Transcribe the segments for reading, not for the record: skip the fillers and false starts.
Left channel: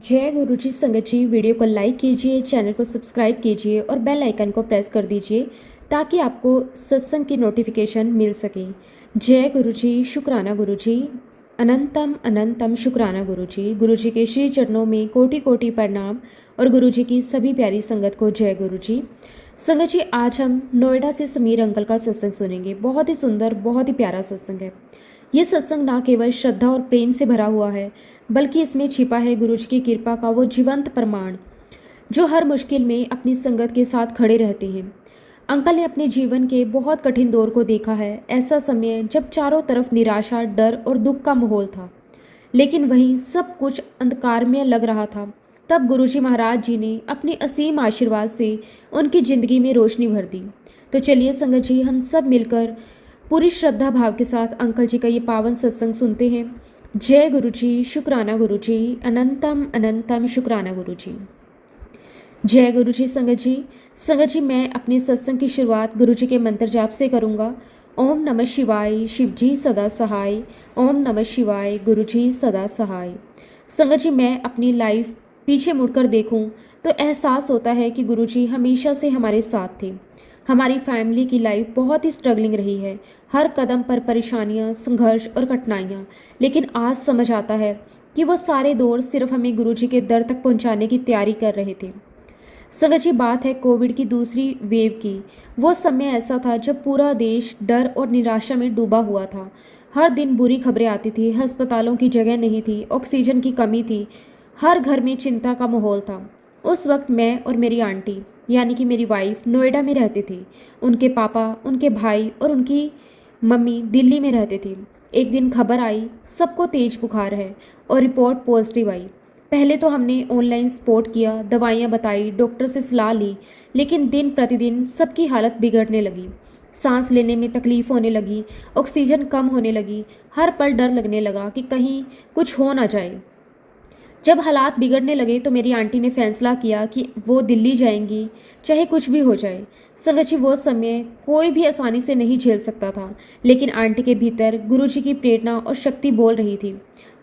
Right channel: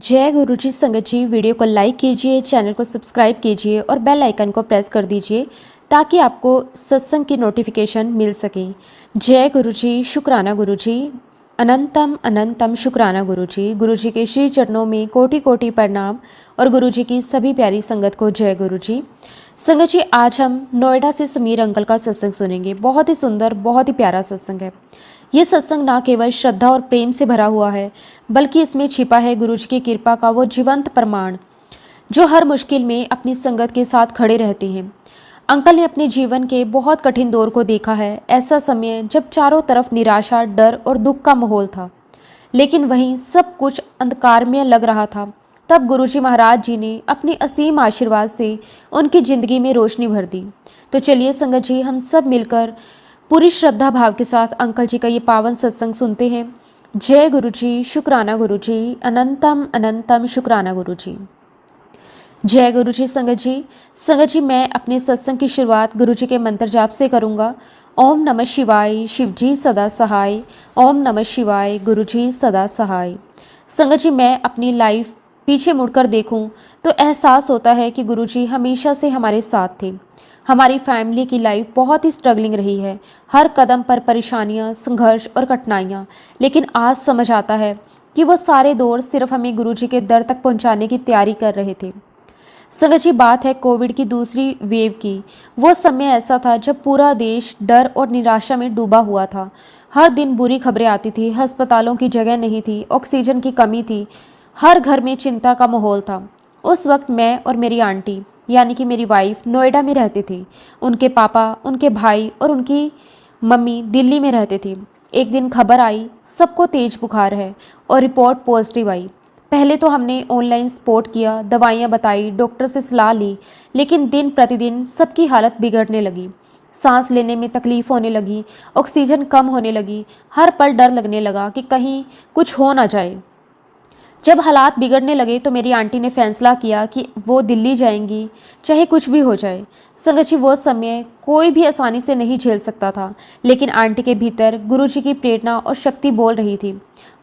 जय गुरुजी संगत जी। वीडियो को लाइक कीजिए, चैनल को सब्सक्राइब कीजिए और बेल आइकन को प्रेस कर दीजिए ताकि आपको सत्संग की नोटिफिकेशन मिल सके। जय गुरुजी, शुक्राना गुरुजी, अनंतम अनंतम शुक्राना गुरुजी। गुरुजी के श्री चरणों में कोटि कोटि प्रणाम और गुरुजी की सभी प्यारी संगत को जय गुरुजी। संगत जी, आज हम नोएडा से समीर अंकल का सत्संग सुनेंगे। बहुत ही सुंदर, बहुत ही प्यारा सत्संग है। ये सत्संग ना केवल श्रद्धा और प्रेम से भरा हुआ है, बल्कि इसमें छिपा है गुरुजी की कृपा का वो जीवंत प्रमाण जो हर मुश्किल में अपनी संगत के साथ खड़े रहते हैं। अंकल ने अपने जीवन के बहुत कठिन दौर को देखा है। ऐसा समय जब चारों तरफ निराशा, डर और दुख का माहौल था, लेकिन वहीं सब कुछ अंधकारमय लग रहा था। तब गुरुजी महाराज जी ने अपने असीम आशीर्वाद से उनकी जिंदगी में रोशनी भर दी। तो चलिए संगत जी, हम सब मिलकर पूरी श्रद्धा भाव के साथ अंकल जी का ये पावन सत्संग सुनते हैं। जय गुरुजी, शुक्राना गुरुजी, अनंतम अनंतम शुक्राना गुरुजी। जय गुरुजी संगत जी। संगत जी, मैं अपने सत्संग की शुरुआत गुरुजी के मंत्र जाप से करूंगा। ओम नमः शिवाय, शिवजी सदा सहाय। ओम नमः शिवाय, गुरुजी सदा सहाय। संगत जी, मैं अपनी लाइफ पीछे मुड़कर देखूं तो एहसास होता है कि गुरुजी हमेशा से हमारे साथ थे। हमारी फैमिली की लाइफ बहुत ही स्ट्रगलिंग रही है, हर कदम पर परेशानियां, संघर्ष और कठिनाइयां। लेकिन आज समझ आता है कि वो सारे दौर सिर्फ हमें गुरुजी के दर तक पहुंचाने की तैयारी कर रहे थे। संगत जी, बात है कोविड की दूसरी वेव की। वो समय ऐसा था जब पूरा देश डर और निराशा में डूबा हुआ था। हर दिन बुरी खबरें आती थी। अस्पतालों की जगह नहीं थी, ऑक्सीजन की कमी थी, हर घर में चिंता का माहौल था। उस वक्त मैं और मेरी आंटी यानी कि मेरी वाइफ नोएडा में रहते थे। उनके पापा, उनके भाई और उनकी मम्मी दिल्ली में रहते थे। एक दिन खबर आई सबको तेज बुखार है और रिपोर्ट पॉजिटिव आई। पहले तो हमने ऑनलाइन सपोर्ट किया, दवाइयाँ बताई, डॉक्टर से सलाह ली, लेकिन दिन प्रतिदिन सबकी हालत बिगड़ने लगी। सांस लेने में तकलीफ होने लगी, ऑक्सीजन कम होने लगी। हर पल डर लगने लगा कि कहीं कुछ हो ना जाए। जब हालात बिगड़ने लगे तो मेरी आंटी ने फैसला किया कि वो दिल्ली जाएंगी, चाहे कुछ भी हो जाए। संगत जी, वो समय कोई भी आसानी से नहीं झेल सकता था, लेकिन आंटी के भीतर गुरुजी की प्रेरणा और शक्ति बोल रही थी।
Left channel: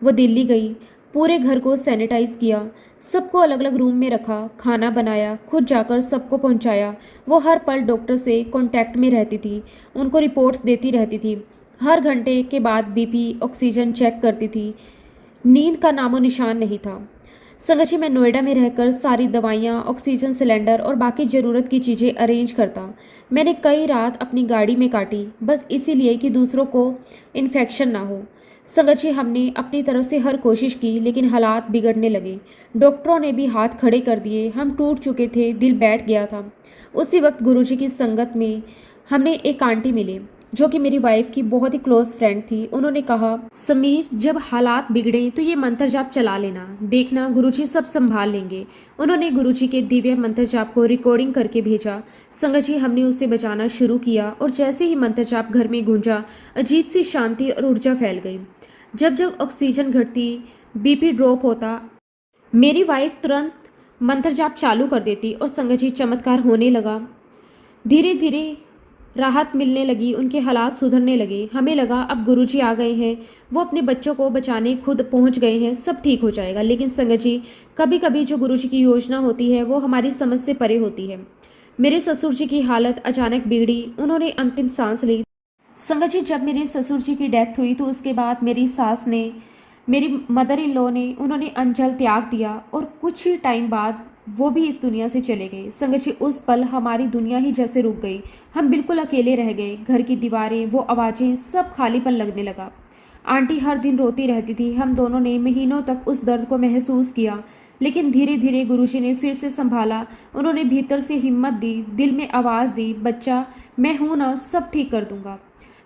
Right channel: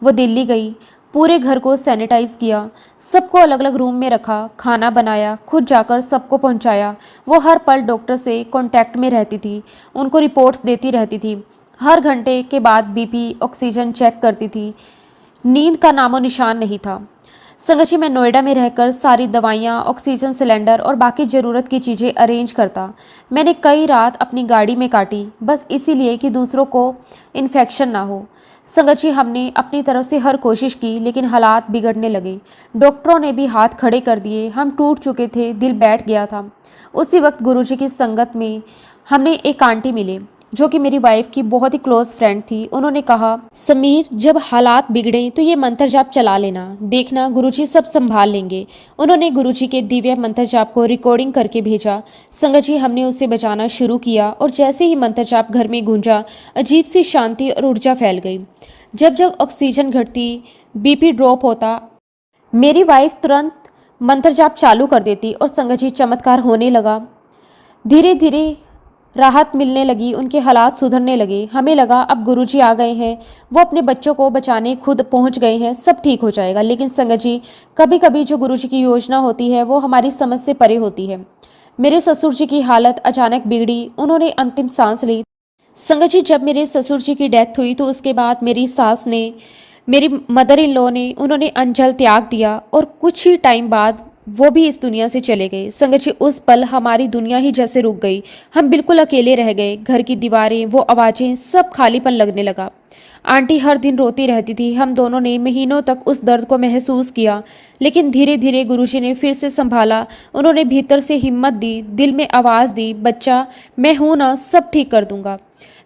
वो दिल्ली गई, पूरे घर को सैनिटाइज किया, सबको अलग अलग रूम में रखा, खाना बनाया, खुद जाकर सबको पहुंचाया। वो हर पल डॉक्टर से कांटेक्ट में रहती थी, उनको रिपोर्ट्स देती रहती थी। हर घंटे के बाद बीपी, ऑक्सीजन चेक करती थी। नींद का नामो निशान नहीं था। संगत जी, मैं नोएडा में रहकर सारी दवाइयाँ, ऑक्सीजन सिलेंडर और बाकी ज़रूरत की चीज़ें अरेंज करता। मैंने कई रात अपनी गाड़ी में काटी, बस इसीलिए कि दूसरों को इन्फेक्शन ना हो। संगत जी, हमने अपनी तरफ से हर कोशिश की, लेकिन हालात बिगड़ने लगे। डॉक्टरों ने भी हाथ खड़े कर दिए, हम टूट चुके थे, दिल बैठ गया था। उसी वक्त गुरुजी की संगत में हमने एक आंटी मिले जो कि मेरी वाइफ की बहुत ही क्लोज फ्रेंड थी। उन्होंने कहा, समीर, जब हालात बिगड़े तो ये मंत्र जाप चला लेना, देखना गुरुजी सब संभाल लेंगे। उन्होंने गुरुजी के दिव्य मंत्र जाप को रिकॉर्डिंग करके भेजा। संगत जी, हमने उसे बजाना शुरू किया और जैसे ही मंत्र जाप घर में गूंजा, अजीब सी शांति और ऊर्जा फैल गई। जब जब ऑक्सीजन घटती, बीपी ड्रॉप होता, मेरी वाइफ तुरंत मंत्र जाप चालू कर देती और संगत जी, चमत्कार होने लगा। धीरे धीरे राहत मिलने लगी, उनके हालात सुधरने लगे। हमें लगा अब गुरुजी आ गए हैं, वो अपने बच्चों को बचाने खुद पहुंच गए हैं, सब ठीक हो जाएगा। लेकिन संगत जी, कभी कभी जो गुरुजी की योजना होती है वो हमारी समझ से परे होती है। मेरे ससुर जी की हालत अचानक बिगड़ी, उन्होंने अंतिम सांस ली। संगत जी, जब मेरे ससुर जी की डेथ हुई तो उसके बाद मेरी सास ने, मेरी मदर इन लॉ ने, उन्होंने अंजल त्याग दिया और कुछ ही टाइम बाद वो भी इस दुनिया से चले गए। संगत जी, उस पल हमारी दुनिया ही जैसे रुक गई। हम बिल्कुल अकेले रह गए। घर की दीवारें, वो आवाज़ें, सब खालीपन लगने लगा। आंटी हर दिन रोती रहती थी। हम दोनों ने महीनों तक उस दर्द को महसूस किया, लेकिन धीरे धीरे गुरुजी ने फिर से संभाला। उन्होंने भीतर से हिम्मत दी, दिल में आवाज़ दी, बच्चा मैं हूँ ना, सब ठीक कर दूंगा।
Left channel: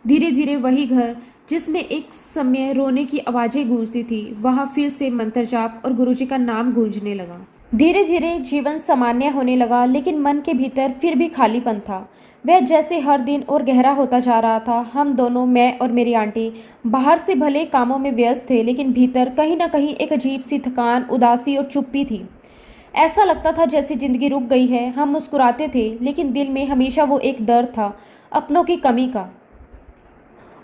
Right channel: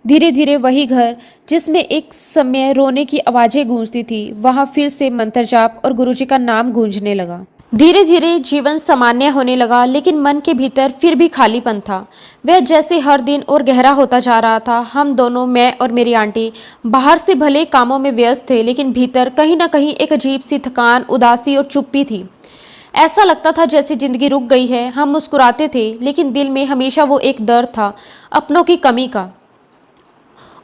धीरे धीरे वही घर जिसमें एक समय रोने की आवाज़ें गूंजती थी, वहाँ फिर से मंत्र जाप और गुरुजी का नाम गूंजने लगा। धीरे धीरे जीवन सामान्य होने लगा, लेकिन मन के भीतर फिर भी खालीपन था। वह जैसे हर दिन और गहरा होता जा रहा था। हम दोनों, मैं और मेरी आंटी, बाहर से भले कामों में व्यस्त थे, लेकिन भीतर कहीं ना कहीं एक अजीब सी थकान, उदासी और चुप्पी थी। ऐसा लगता था जैसे जिंदगी रुक गई है। हम मुस्कुराते थे, लेकिन दिल में हमेशा वो एक दर्द था, अपनों की कमी का।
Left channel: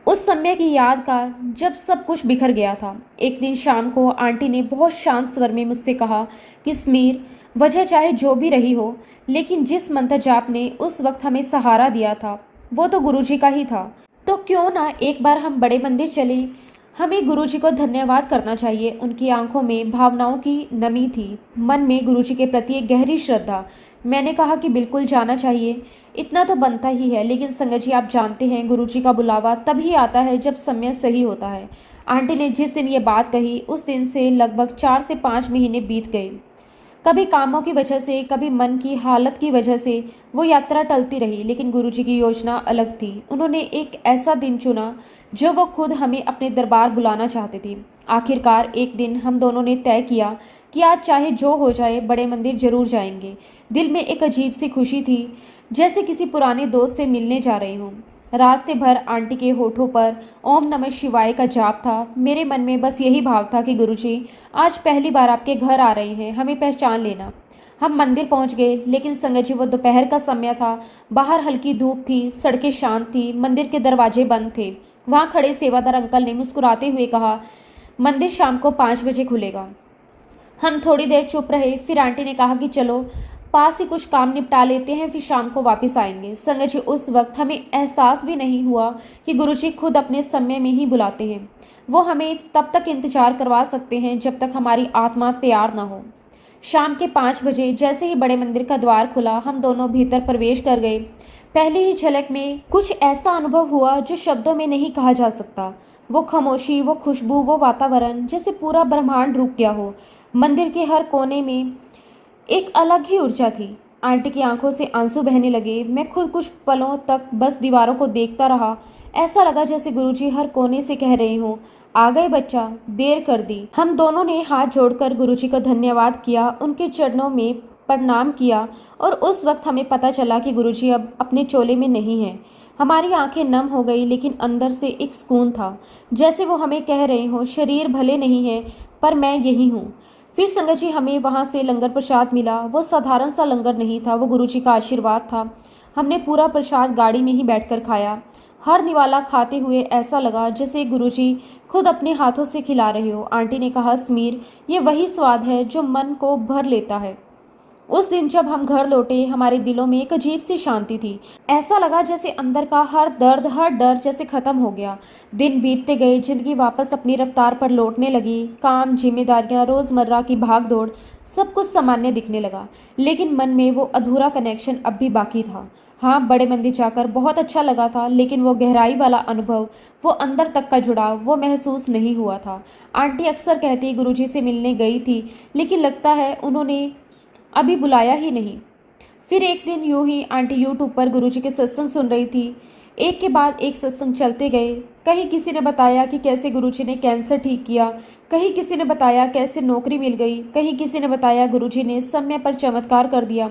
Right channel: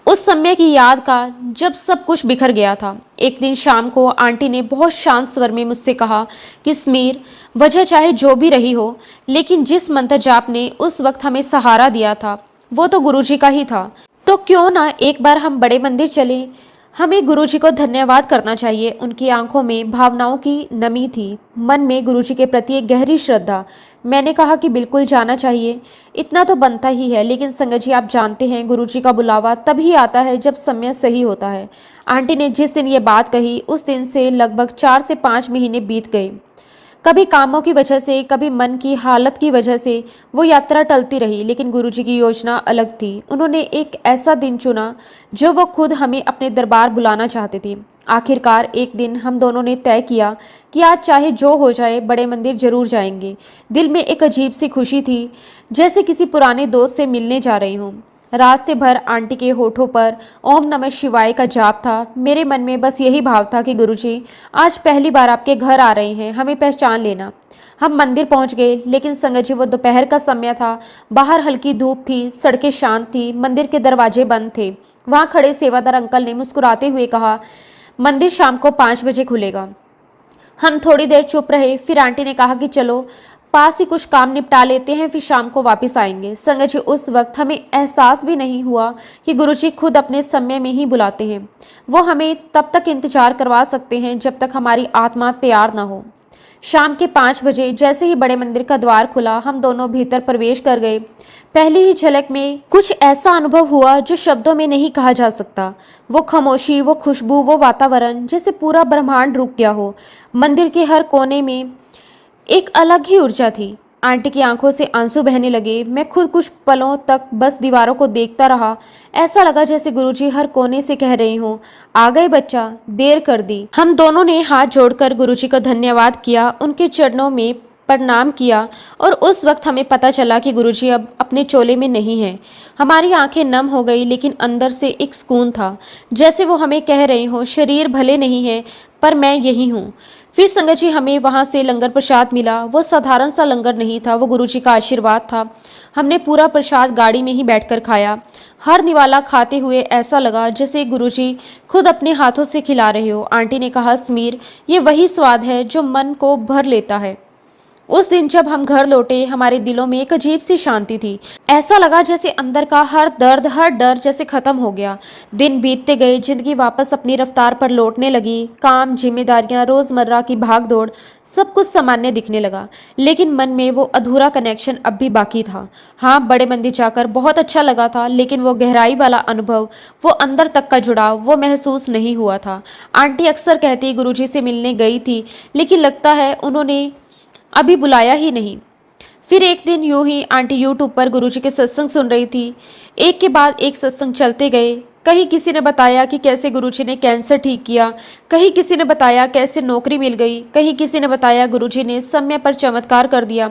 उस समय की याद का जब सब कुछ बिखर गया था। एक दिन शाम को आंटी ने बहुत शांत स्वर में मुझसे कहा कि स्मीर, वजह चाहे जो भी रही हो, लेकिन जिस मंत्र जाप ने उस वक्त हमें सहारा दिया था वो तो गुरुजी का ही था। तो क्यों ना एक बार हम बड़े मंदिर चले। हमें गुरुजी को धन्यवाद करना चाहिए। उनकी आंखों में भावनाओं की नमी थी, मन में गुरुजी के प्रति एक गहरी श्रद्धा। मैंने कहा कि बिल्कुल जाना चाहिए, इतना तो बनता ही है। लेकिन संगत जी, आप जानते हैं गुरुजी का बुलावा तभी आता है जब समय सही होता है। आंटी ने जिस दिन ये बात कही उस दिन से लगभग 4 से 5 महीने बीत गए। कभी कामों की वजह से, कभी मन की हालत की वजह से वो यात्रा टलती रही, लेकिन गुरुजी की योजना अलग थी। उन्होंने एक ऐसा दिन चुना जो वो खुद हमें अपने दरबार बुलाना चाहते थे। आखिरकार एक दिन हम दोनों ने तय किया कि आज चाहे जो हो जाए बड़े मंदिर जरूर जाएंगे। दिल में एक अजीब सी खुशी थी, जैसे किसी पुराने दोस्त से मिलने जा रही हूँ। रास्ते भर आंटी के होठों पर ओम नमः शिवाय का जाप था। मेरे मन में बस यही भाव था कि गुरुजी, आज पहली बार आपके घर आ रहे हैं, हमें पहचान लेना। हम मंदिर पहुंच गए, लेकिन संगत जी वो दोपहर का समय था। बाहर हल्की धूप थी, सड़कें शांत थी, मंदिर के दरवाजे बंद थे। वहां खड़े सेवादार अंकल ने मुस्कुराते हुए कहा, मंदिर शाम को 5 बजे खुलेगा। हम थोड़ी देर चुप रहे, फिर आंटी ने कहा कि चलो पास ही कुछ काम निपटा लेते हैं, फिर शाम को वापस आएंगे। संगत जी, उस वक्त हमें एहसास भी नहीं हुआ कि गुरुजी खुद अपने समय में ही बुलाते हैं। वो हमें तब तक इंतजार करवा सकते हैं जब तक हमारी आत्मा तैयार ना हो। शाम के 5 बजे जैसे ही बड़े मंदिर का द्वार खुला, हम दोनों भीतर प्रवेश कर गए। पहली ही झलक में कुछ ऐसा अनुभव हुआ जो शब्दों में नहीं कहा जा सकता। वो खामोशी, वो खुशबू, वो वातावरण, जैसे पूरा ब्रह्मांड रुक गया हो। मंदिर के हर कोने में एक अलग ही ऊर्जा थी। आंटी की आंखों से आंसू बहने लगे। मैं खुद कुछ पलों तक बस दीवारों को देखता रहा। ऐसा लगा जैसे गुरुजी हर कोने से कह रहे हो, आ गए बच्चा, देर कर दी। हम दोनों ने हाथ जोड़कर गुरुजी का धन्यवाद किया, उनके चरणों में प्रणाम किया। और उस वक्त हमें पता चला कि गुरुजी अब अपने चोले में नहीं है। हमारी आंखें नम हो गई, लेकिन अंदर से एक सुकून था, जैसे वो हमें कह रहे हो, शरीर भले नहीं है पर मैं यही हूँ। फिर संगत जी, हमें वहाँ से लंगर प्रसाद मिला। वो साधारण सा लंगर नहीं था, वो गुरुजी का आशीर्वाद था। हमने पूरा प्रसाद गाड़ी में ही बैठकर खाया। हर निवाला खाते हुए ऐसा लगा जैसे गुरुजी खुद अपने हाथों से खिला रहे हो। आंटी ने कहा, स्मीर, ये वही स्वाद है जो मन को भर लेता है। उस दिन जब हम घर लौटे, हमारे दिलों में एक अजीब सी शांति थी। ऐसा लगा जैसे अंदर का हर दर्द, हर डर जैसे खत्म हो गया। दिन बीतते गए, जिंदगी वापस अपनी रफ्तार पर लौटने लगी। काम, जिम्मेदारियां, रोजमर्रा की भागदौड़, सब कुछ सामान्य दिखने लगा। लेकिन मन में वो अधूरा कनेक्शन अब भी बाकी था। हाँ, बड़े मंदिर जाकर बहुत अच्छा लगा था, लेकिन वो गहराई वाला अनुभव, वो अंदर तक का जुड़ाव, वो महसूस नहीं हुआ था। आंटी अक्सर कहती गुरुजी से मिलने गई थी, लेकिन लगता है उन्होंने अभी बुलाया ही नहीं। फिर एक दिन यूं ही आंटी यूट्यूब पर गुरुजी के सत्संग सुन रही थी। एक के बाद एक सत्संग चलते गए। कहीं किसी ने बताया कि कैसे गुरुजी ने कैंसर ठीक किया, कहीं किसी ने बताया कैसे नौकरी मिल गई, कहीं किसी ने बताया गुरुजी ने समय पर चमत्कार कर दिया।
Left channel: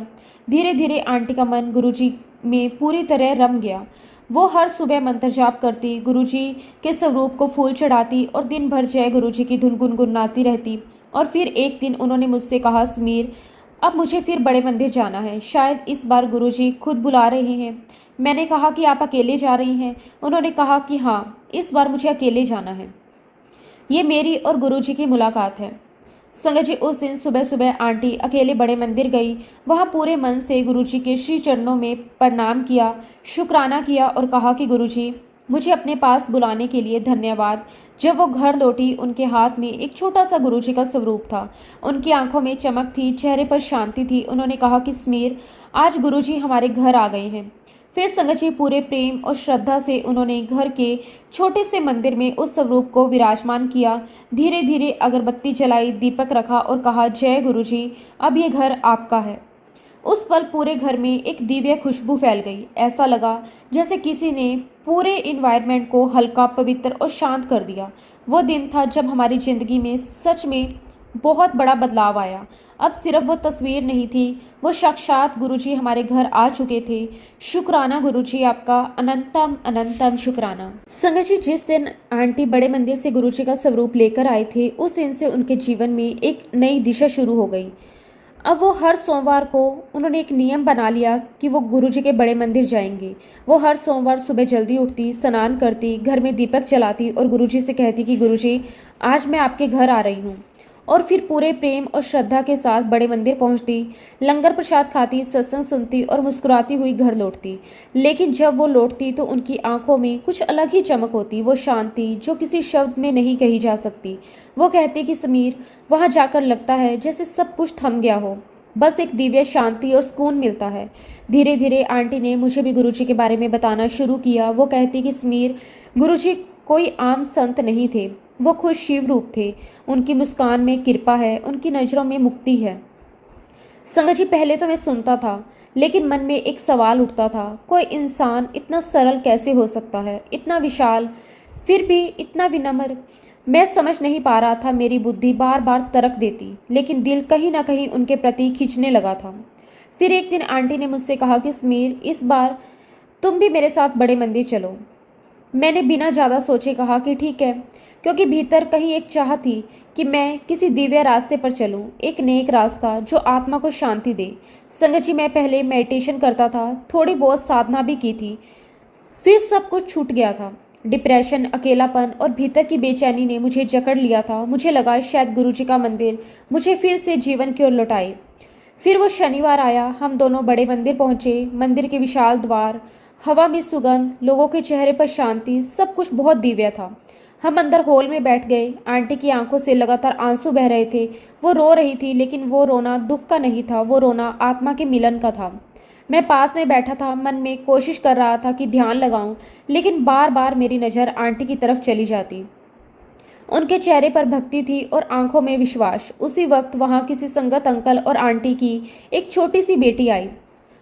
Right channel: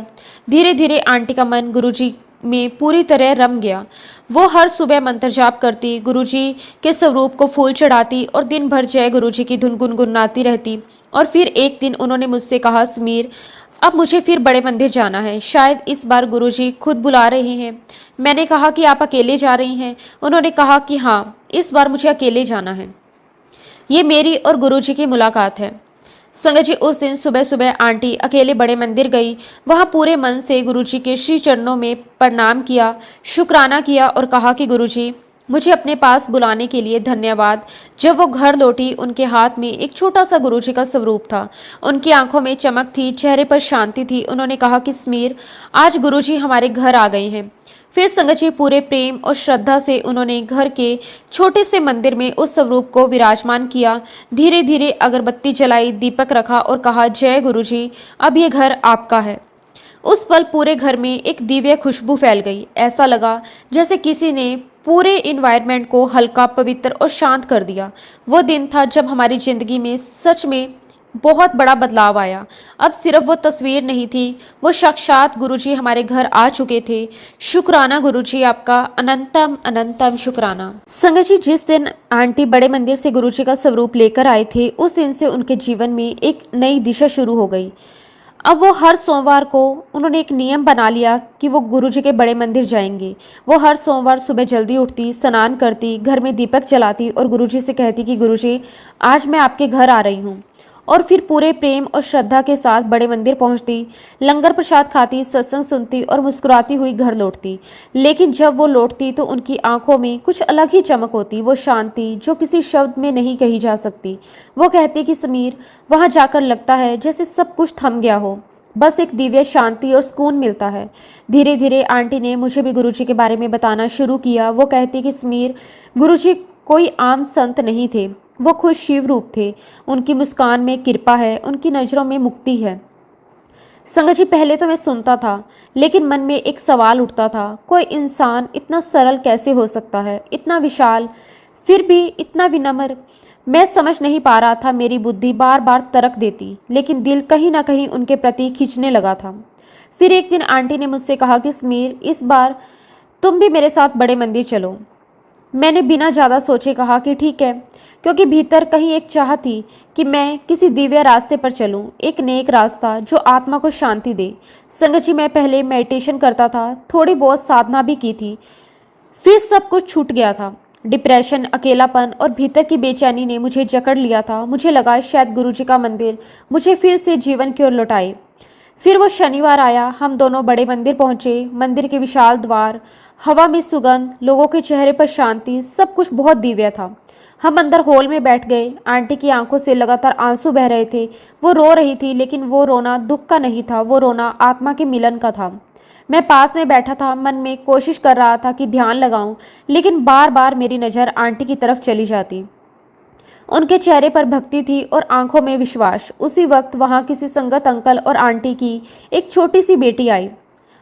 धीरे धीरे आंटी का मन गुरुजी में पूरी तरह रम गया। वो हर सुबह मंत्र जाप करती, गुरुजी के स्वरूप को फूल चढ़ाती और दिन भर जय गुरुजी की धुन गुनगुनाती रहती। और फिर एक दिन उन्होंने मुझसे कहा, समीर, अब मुझे फिर बड़े मंदिर जाना है, शायद इस बार गुरुजी खुद बुला रहे हैं। मैंने कहा कि आप अकेले जा रही हैं? उन्होंने कहा कि हाँ, इस बार मुझे अकेले जाना है। ये मेरी और गुरुजी की मुलाकात है। संगत जी, उस दिन सुबह सुबह आंटी अकेले बड़े मंदिर गई। वहाँ पूरे मन से गुरुजी के श्री चरणों में प्रणाम किया, शुक्राना किया और कहा कि गुरुजी, मुझे अपने पास बुलाने के लिए धन्यवाद। जब वो घर लौटी, उनके हाथ में एक छोटा सा गुरुजी का स्वरूप था। उनकी आंखों में चमक थी, चेहरे पर शांति थी। उन्होंने कहा कि समीर, आज गुरुजी हमारे घर आ गए हैं। फिर संगत जी, पूरे प्रेम और श्रद्धा से उन्होंने घर के छोटे से मंदिर में उस स्वरूप को विराजमान किया। धीरे धीरे अगरबत्ती जलाई, दीपक रखा और कहा, जय गुरुजी, अब ये घर आपका है। उस पल पूरे घर में एक दिव्य खुशबू फैल गई। ऐसा लगा जैसे किसी ने पूरे इन्वायरमेंट को हल्का, पवित्र और शांत कर दिया। वो दिन था जब हमारी जिंदगी में सच में बहुत बड़ा बदलाव आया। अब सिर्फ वो तस्वीर नहीं थी, वो साक्षात गुरुजी हमारे घर आ चुके थे। शुक्राना गुरुजी, आपका अनंतम अनंतम शुक्राना। संगत जी, जिस दिन आंटी बड़े मंदिर से गुरुजी का स्वरूप लेकर आए थे, उस दिन से उनके जीवन में एक नई दिशा शुरू हो गई। अब वो हर सोमवार को उन्होंने एक नियम बना लिया कि वो गुरुजी के बड़े मंदिर जाएंगे। वो हर सोमवार सुबह जल्दी उठती, स्नान करती, घर में दीपक जलाती और गुरुजी से कहती कि गुरुजी आज मैं आपके घर आ रही हूँ। और फिर पूरे प्रेम और श्रद्धा के साथ बड़े मंदिर पहुंचती, लंगर प्रसाद खाती, सत्संग सुनती और मुस्कुराती हुई घर लौटती। लेकिन जब वो लौटती तो उनकी आंखों में कुछ अलग ही चमक होती, वो शांति जो किसी शब्द में नहीं कही जा सकती। वो कहती कि समीर, वहां जाकर लगता है जैसे सब कुछ थम गया हो, बस एक दिव्य शांति और सुकून मिलता है। धीरे धीरे आंटी ने मुझे भी गुरुजी के बारे में बताना शुरू किया। वो कहती कि समीर, गुरुजी कोई आम संत नहीं थे, वो खुद शिव रूप थे। उनकी मुस्कान में कृपा है, उनकी नज़रों में मुक्ति है। संगत जी, पहले तो मैं सुनता था, लेकिन मन में एक सवाल उठता था, कोई इंसान इतना सरल कैसे हो सकता है, इतना विशाल, फिर भी इतना विनम्र। मैं समझ नहीं पा रहा था, मेरी बुद्धि बार बार तर्क देती, लेकिन दिल कहीं ना कहीं उनके प्रति खींचने लगा था। फिर एक दिन आंटी ने मुझसे कहा कि समीर, इस बार तुम भी मेरे साथ बड़े मंदिर चलो। मैंने बिना ज़्यादा सोचे कहा कि ठीक है, क्योंकि भीतर कहीं एक चाह थी कि मैं किसी दिव्य रास्ते पर चलूं, एक नेक रास्ता जो आत्मा को शांति दे। संगत जी, मैं पहले मेडिटेशन करता था, थोड़ी बहुत साधना भी की थी, फिर सब कुछ छूट गया था। डिप्रेशन, अकेलापन और भीतर की बेचैनी ने मुझे जकड़ लिया था। मुझे लगा शायद गुरुजी का मंदिर मुझे फिर से जीवन की ओर लौटाए। फिर वो शनिवार आया, हम दोनों बड़े मंदिर पहुंचे। मंदिर के विशाल द्वार, हवा में सुगंध, लोगों के चेहरे पर शांति, सब कुछ बहुत दिव्य था। हम अंदर हॉल में बैठ गए। आंटी की आंखों से लगातार आंसू बह रहे थे। वो रो रही थी, लेकिन वो रोना दुख का नहीं था, वो रोना आत्मा के मिलन का था। मैं पास में बैठा था, मन में कोशिश कर रहा था कि ध्यान लगाऊं, लेकिन बार बार मेरी नज़र आंटी की तरफ चली जाती। उनके चेहरे पर भक्ति थी और आंखों में विश्वास। उसी वक्त वहां किसी संगत अंकल और आंटी की एक छोटी सी बेटी आई।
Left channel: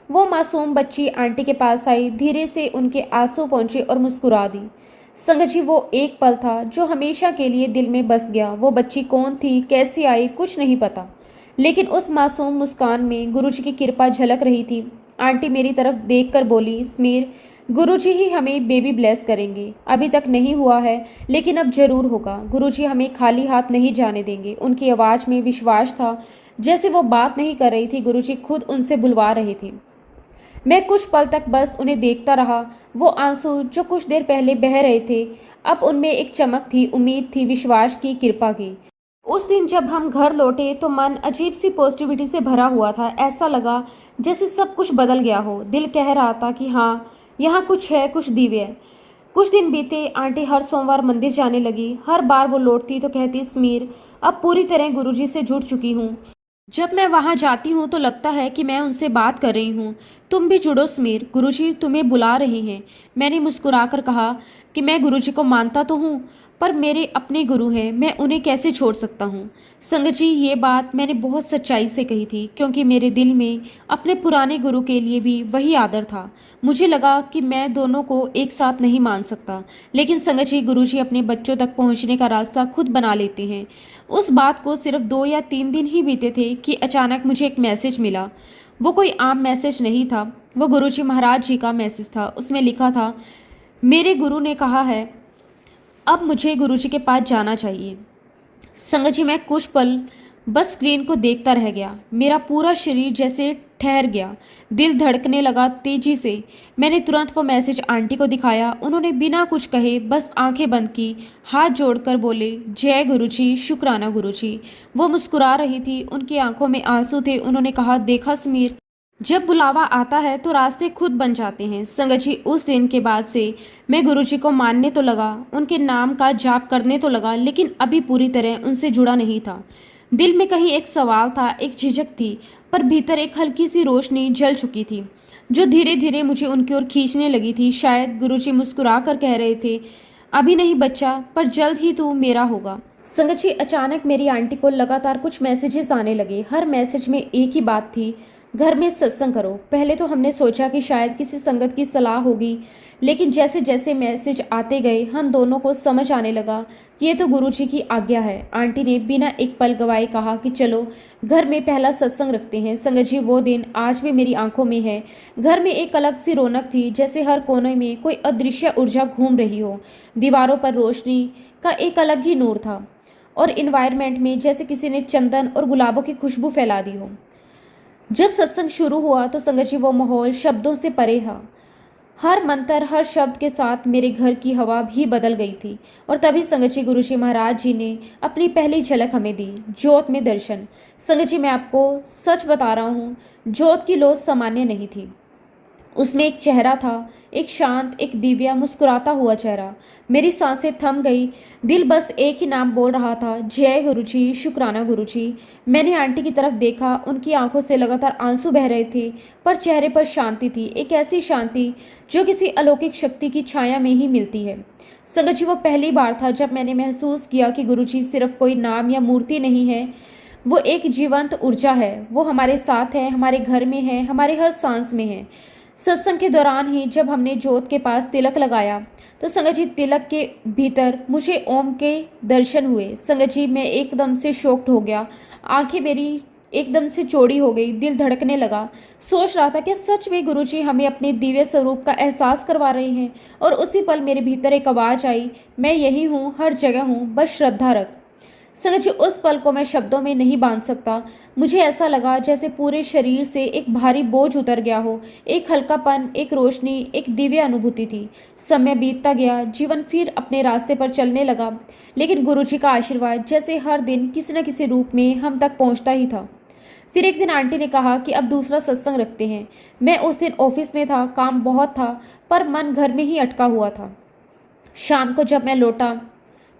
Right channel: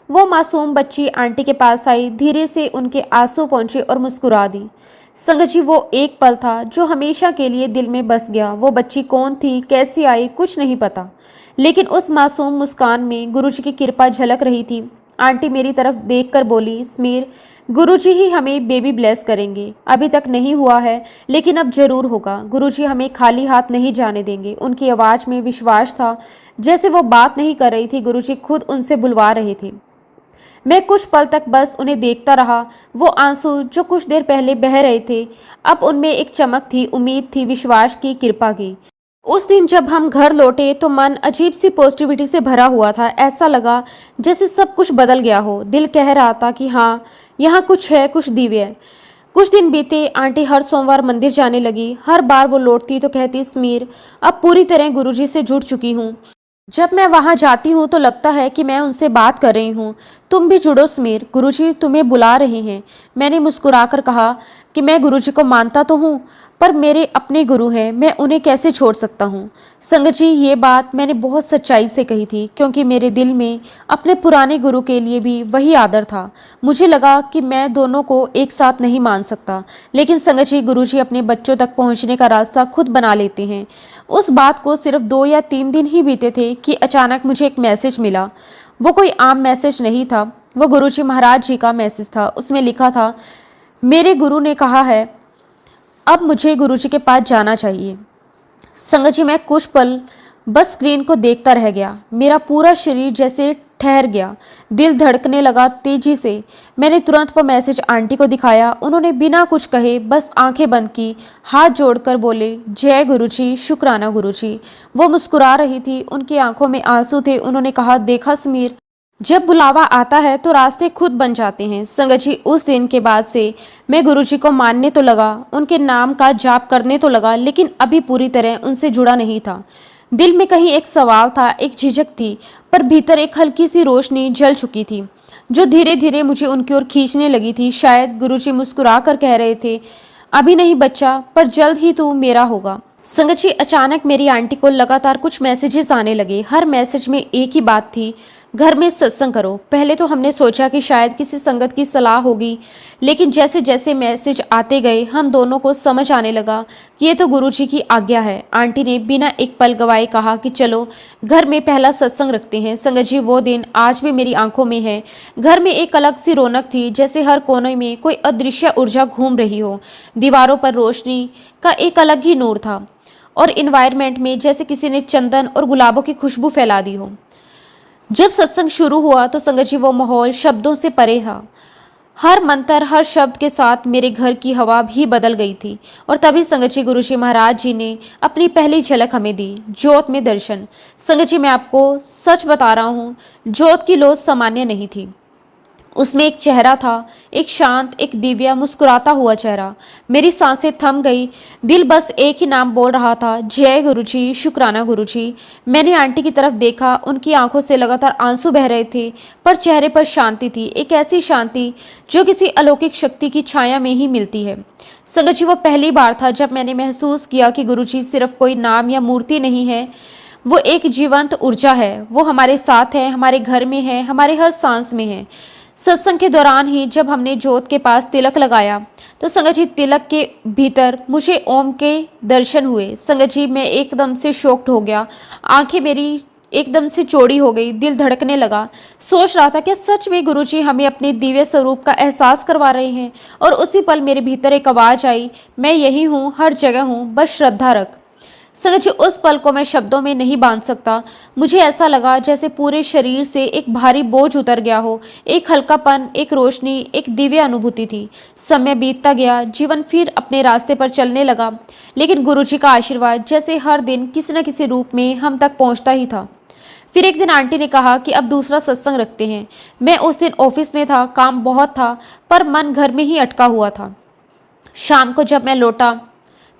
वो मासूम बच्ची आंटी के पास आई, धीरे से उनके आंसू पहुंचे और मुस्कुरा दी। संगत जी, वो एक पल था जो हमेशा के लिए दिल में बस गया। वो बच्ची कौन थी, कैसी आई, कुछ नहीं पता, लेकिन उस मासूम मुस्कान में गुरुजी की कृपा झलक रही थी। आंटी मेरी तरफ देखकर बोली, समीर, गुरुजी ही हमें बेबी ब्लेस करेंगे। अभी तक नहीं हुआ है, लेकिन अब जरूर होगा। गुरुजी हमें खाली हाथ नहीं जाने देंगे। उनकी आवाज़ में विश्वास था, जैसे वो बात नहीं कर रही थी, गुरुजी खुद उनसे बुलवा रहे थे। मैं कुछ पल तक बस उन्हें देखता रहा। वो आंसू जो कुछ देर पहले बह रहे थे, अब उनमें एक चमक थी, उम्मीद थी, विश्वास की, कृपा की। उस दिन जब हम घर लौटे तो मन अजीब सी पॉजिटिविटी से भरा हुआ था। ऐसा लगा जैसे सब कुछ बदल गया हो। दिल कह रहा था कि हाँ, यहाँ कुछ है, कुछ दिव्य। कुछ दिन बीते। आंटी हर सोमवार मंदिर जाने लगी। हर बार वो लौटती तो कहती, समीर, अब पूरी तरह गुरुजी से जुड़ चुकी हूँ। जब मैं वहां जाती हूँ तो लगता है कि मैं उनसे बात कर रही हूँ। तुम भी जुड़ो समीर, गुरुजी तुम्हें बुला रहे हैं। मैंने मुस्कुराकर कहा कि मैं गुरुजी को मानता तो हूँ, पर मेरे अपने गुरु हैं, मैं उन्हें कैसे छोड़ सकता हूँ। संगत जी, ये बात मैंने बहुत सच्चाई से कही थी, क्योंकि मेरे दिल में अपने पुराने गुरु के लिए भी वही आदर था। मुझे लगा कि मैं दोनों को एक साथ नहीं मान सकता। लेकिन संगत जी, गुरुजी अपने बच्चों तक पहुँचने का रास्ता खुद बना लेते हैं। उस बात को सिर्फ 2 या 3 दिन ही बीते थे कि अचानक मुझे एक मैसेज मिला। वो कोई आम मैसेज नहीं था, वो गुरुजी महाराज जी का मैसेज था। उसमें लिखा था, मेरे गुरु ने कहा है अब मुझे गुरुजी के पास जाना चाहिए। संगत जी, मैं कुछ पल बस स्क्रीन को देखता रह गया। मेरा पूरा शरीर जैसे ठहर गया, दिल धड़कने लगा तेजी से। मैंने तुरंत वो मैसेज आंटी को दिखाया। उन्होंने बिना कुछ कहे बस आंखें बंद की, हाथ जोड़कर बोले, जय गुरुजी, शुक्राना गुरुजी। वो मुस्कुरा रही थी, उनकी आंखों में आंसू थे। उन्होंने कहा, देखा समीर, जब बुलावा आता है तो रास्ते खुद बन जाते हैं। संगत जी, उस दिन के बाद से मैं गुरुजी को मानने तो लगा, उनके नाम का जाप करने तो लगा, लेकिन अभी पूरी तरह उनसे जुड़ा नहीं था। दिल में कहीं एक सवाल था, एक झिझक थी, पर भीतर एक हल्की सी रोशनी जल चुकी थी, जो धीरे धीरे मुझे उनकी ओर खींचने लगी थी। शायद गुरुजी मुस्कुरा कर कह रहे थे, अभी नहीं बच्चा, पर जल्द ही तू मेरा होगा। संगत जी, अचानक मेरी आंटी को लगातार कुछ मैसेजेस आने लगे। हर मैसेज में एक ही बात थी, घर में सत्संग करो। पहले तो हमने सोचा कि शायद किसी संगत की सलाह होगी, लेकिन जैसे जैसे मैसेज आते गए हम दोनों को समझ आने लगा कि ये तो गुरुजी की आज्ञा है। आंटी ने बिना एक पल गवाए कहा कि चलो घर में पहला सत्संग रखते हैं। संगत जी, वो दिन आज भी मेरी आंखों में है। घर में एक अलग सी रौनक थी, जैसे हर कोने में कोई अदृश्य ऊर्जा घूम रही हो। दीवारों पर रोशनी का एक अलग ही नूर था और इन्वायरमेंट में जैसे किसी ने चंदन और गुलाबों की खुशबू फैला दी हो। जब सत्संग शुरू हुआ तो संगत जी वो माहौल शब्दों से परे था। हर मंत्र हर शब्द के साथ मेरे घर की हवा भी बदल गई थी। और तभी संगत जी गुरु जी महाराज जी ने अपनी पहली झलक हमें दी, ज्योत में दर्शन। संगत जी मैं आपको सच बता रहा हूँ, ज्योत की लौ सामान्य नहीं थी। उसमें एक चेहरा था, एक शांत, एक दिव्या मुस्कुराता हुआ चेहरा। मेरी सांसें थम गई, दिल बस एक ही नाम बोल रहा था, जय गुरुजी, शुक्राना गुरुजी। मैंने आंटी की तरफ देखा, उनकी आंखों से लगातार आंसू बह रहे थे, पर चेहरे पर शांति थी, एक ऐसी शांति जो किसी अलौकिक शक्ति की छाया में ही मिलती है। संगत जी वो पहली बार था जब मैंने महसूस किया कि गुरुजी सिर्फ कोई नाम या मूर्ति नहीं है, वो एक जीवंत ऊर्जा है। वो हमारे साथ है, हमारे घर में है, हमारे हर सांस में है। सत्संग के दौरान ही जब हमने जोत के पास तिलक लगाया तो संगत जी तिलक के भीतर मुझे ओम के दर्शन हुए। संगत जी मैं एकदम से शॉक्ड हो गया, आंखें मेरी एकदम से चौड़ी हो गई, दिल धड़कने लगा। सोच रहा था कि सच में गुरुजी हमें अपने दिव्य स्वरूप का एहसास करवा रहे हैं। और उसी पल मेरे भीतर एक आवाज़ आई, मैं यही हूँ, हर जगह हूँ, बस श्रद्धा रख। संगत जी उस पल को मैं शब्दों में नहीं बांध सकता। मुझे ऐसा लगा जैसे पूरे शरीर से एक भारी बोझ उतर गया हो, एक हल्कापन, एक रोशनी, एक दिव्य अनुभूति थी। समय बीतता गया, जीवन फिर अपने रास्ते पर चलने लगा, लेकिन गुरुजी का आशीर्वाद जैसे हर दिन किसी न किसी रूप में हम तक पहुंचता ही था। फिर एक दिन आंटी ने कहा कि अब दूसरा सत्संग रखते हैं। मैं उस दिन ऑफिस में था, काम बहुत था, पर मन घर में ही अटका हुआ था। शाम को जब मैं लौटा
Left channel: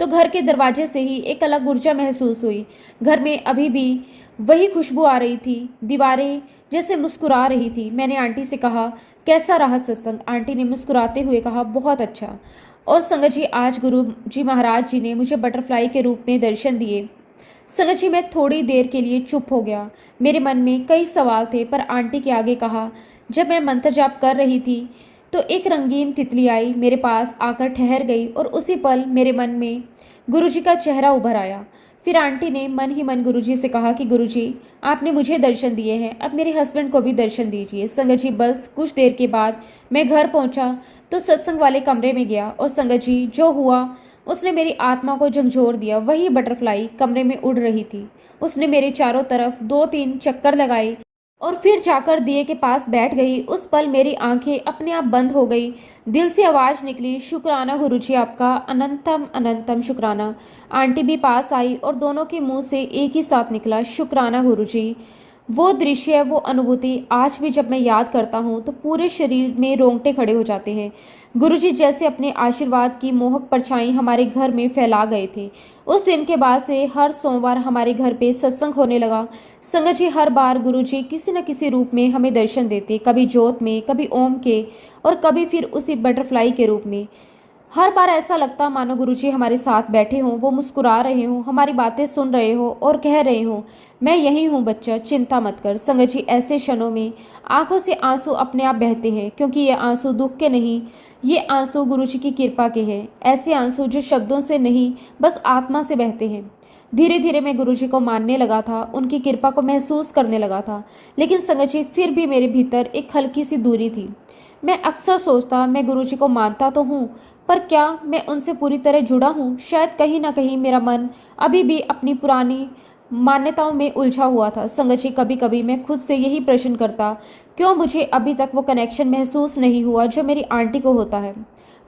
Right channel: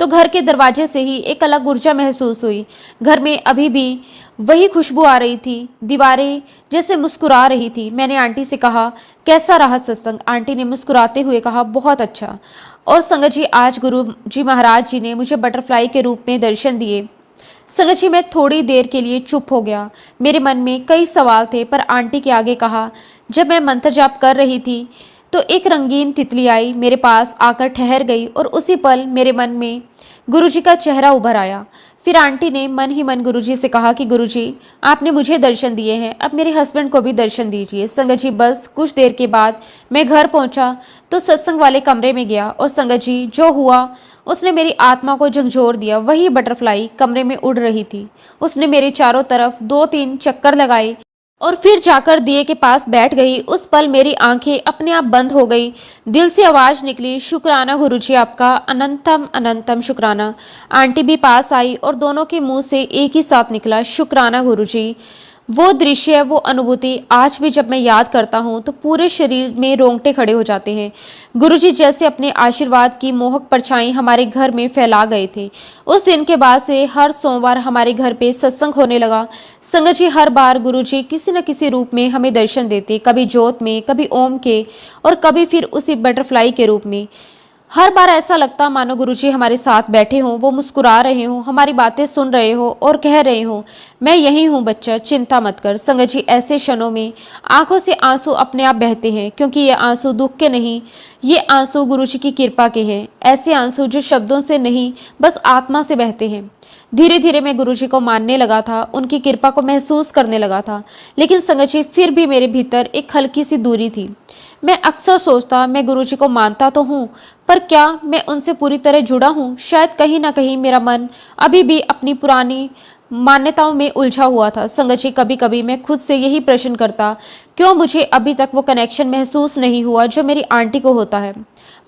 तो घर के दरवाजे से ही एक अलग ऊर्जा महसूस हुई। घर में अभी भी वही खुशबू आ रही थी, दीवारें जैसे मुस्कुरा रही थी। मैंने आंटी से कहा, कैसा रहा सत्संग? आंटी ने मुस्कुराते हुए कहा, बहुत अच्छा। और संगत जी आज गुरु जी महाराज जी ने मुझे बटरफ्लाई के रूप में दर्शन दिए। संगत जी मैं थोड़ी देर के लिए चुप हो गया। मेरे मन में कई सवाल थे, पर आंटी के आगे कहा। जब मैं मंत्र जाप कर रही थी तो एक रंगीन तितली आई, मेरे पास आकर ठहर गई और उसी पल मेरे मन में गुरुजी का चेहरा उभर आया। फिर आंटी ने मन ही मन गुरुजी से कहा कि गुरुजी आपने मुझे दर्शन दिए हैं, अब मेरे हस्बैंड को भी दर्शन दीजिए। संगत जी बस कुछ देर के बाद मैं घर पहुंचा तो सत्संग वाले कमरे में गया और संगत जी जो हुआ उसने मेरी आत्मा को झंझोर दिया। वही बटरफ्लाई कमरे में उड़ रही थी। उसने मेरे चारों तरफ 2-3 चक्कर लगाए और फिर जाकर दिए के पास बैठ गई। उस पल मेरी आंखें अपने आप बंद हो गई। दिल से आवाज निकली, शुक्राना गुरुजी आपका, अनंतम अनंतम शुक्राना। आंटी भी पास आई और दोनों के मुंह से एक ही साथ निकला, शुक्राना गुरुजी। वो दृश्य, वो अनुभूति आज भी जब मैं याद करता हूँ तो पूरे शरीर में रोंगटे खड़े हो जाते हैं। गुरुजी जैसे अपने आशीर्वाद की मोहक परछाई हमारे घर में फैला गए थे। उस दिन के बाद से हर सोमवार हमारे घर पे सत्संग होने लगा। संगत जी हर बार गुरुजी किसी न किसी रूप में हमें दर्शन देते, कभी ज्योत में, कभी ओम के और कभी फिर उसी बटरफ्लाई के रूप में। हर बार ऐसा लगता मानो गुरुजी हमारे साथ बैठे हों, वो मुस्कुरा रहे हों, हमारी बातें सुन रहे हो और कह रहे हों, मैं यही हूँ बच्चा, चिंता मत कर। संगत जी ऐसे क्षणों में आंखों से आंसू अपने आप बहते हैं, क्योंकि ये आंसू दुख के नहीं, ये आंसू गुरुजी की कृपा के हैं। ऐसे आंसू जो शब्दों से नहीं बस आत्मा से बहते हैं। धीरे धीरे मैं गुरुजी को मानने लगा था, उनकी कृपा को महसूस करने लगा था, लेकिन संगत जी फिर भी मेरे भीतर एक हल्की सी दूरी थी। मैं अक्सर सोचता, मैं गुरुजी को मानता तो हूँ, पर क्या मैं उनसे पूरी तरह जुड़ा हूँ? शायद कहीं ना कहीं मेरा मन अभी भी अपनी पुरानी मान्यताओं में उलझा हुआ था। संगत जी कभी कभी मैं खुद से यही प्रश्न करता, क्यों मुझे अभी तक वो कनेक्शन महसूस नहीं हुआ जो मेरी आंटी को होता है।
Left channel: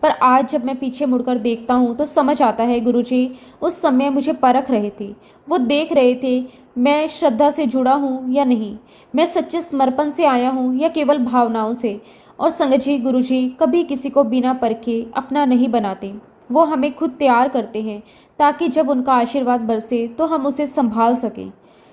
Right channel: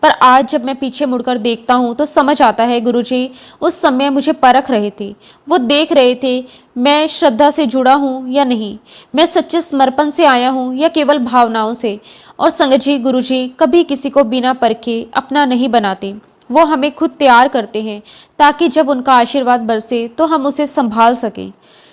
पर आज जब मैं पीछे मुड़कर देखता हूँ तो समझ आता है गुरुजी उस समय मुझे परख रहे थे। वो देख रहे थे मैं श्रद्धा से जुड़ा हूँ या नहीं, मैं सच्चे समर्पण से आया हूँ या केवल भावनाओं से। और संगत जी गुरुजी कभी किसी को बिना परखे अपना नहीं बनाते, वो हमें खुद तैयार करते हैं ताकि जब उनका आशीर्वाद बरसे तो हम उसे संभाल सकें।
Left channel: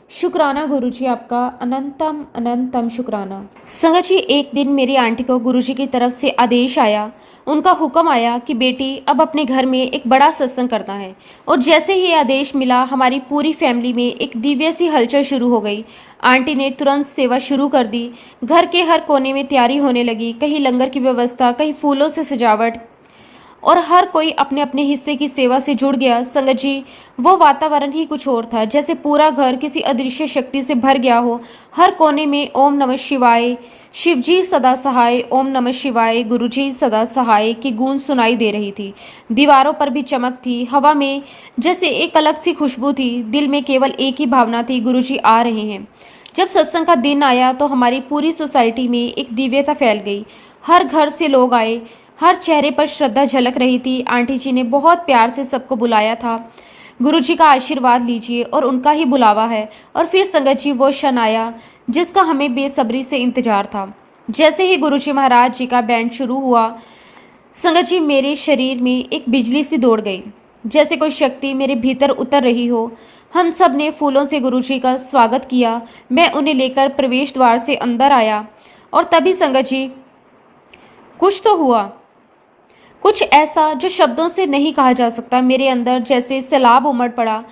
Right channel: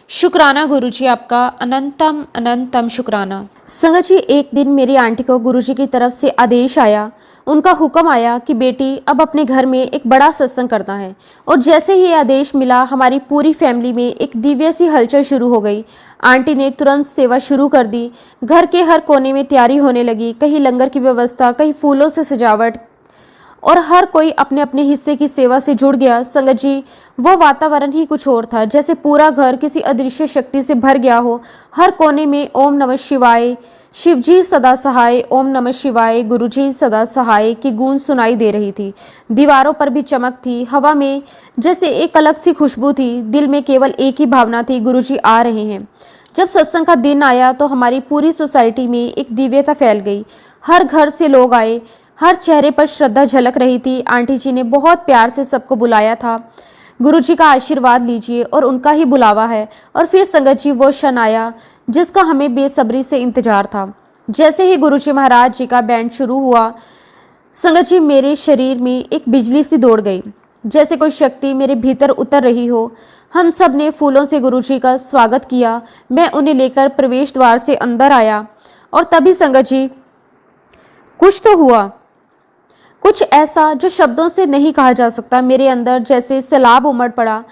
शुक्राना गुरुजी आपका, अनंतम अनंतम शुक्राना। संगत जी एक दिन मेरी आंटी को गुरुजी की तरफ से आदेश आया, उनका हुक्म आया कि बेटी अब अपने घर में एक बड़ा सत्संग करना है। और जैसे ही ये आदेश मिला हमारी पूरी फैमिली में एक दिव्य सी हलचल शुरू हो गई। आंटी ने तुरंत सेवा शुरू कर दी। घर के हर कोने में तैयारी होने लगी, कहीं लंगर की व्यवस्था, कहीं फूलों से सजावट, और हर कोई अपने अपने हिस्से की सेवा से जुड़ गया। संगत जी वो वातावरण ही कुछ और था, जैसे पूरा घर किसी अदृश्य शक्ति से भर गया हो। हर कोने में ओम नमः शिवाय, शिवजी सदा सहाय, ओम नमः शिवाय, गुरुजी सदा सहाय की गूंज सुनाई दे रही थी। दीवारों पर भी चमक थी, हवा में जैसे एक अलग सी खुशबू थी। दिल में केवल एक ही भावना थी, गुरुजी आ रहे हैं। जब सत्संग का दिन आया तो हमारी पूरी सोसाइटी में एक दिव्यता फैल गई। हर घर से लोग आए, हर चेहरे पर श्रद्धा झलक रही थी। आंटी जी ने बहुत प्यार से सबको बुलाया था, गुरुजी का आशीर्वाद लीजिए, और उनका ही बुलावा है। और फिर संगत जी वो क्षण आया जिसका हमें बेसब्री से इंतजार था। जैसे ही गुरुजी महाराज जी का बैंड शुरू हुआ, संगत जी मेरे शरीर में एक बिजली सी दौड़ गई, जैसे कोई शक्ति मेरे भीतर उतर रही हो। हम सब ने फूलों से गुरुजी का स्वागत किया। मैं उन्हें लेकर प्रवेश द्वार से अंदर आया और तभी संगत जी कुछ तो हुआ, कुछ ऐसा जो शब्दों से नहीं कहा जा सकता। मेरे अंदर जैसे सैलाब उमड़ पड़ा।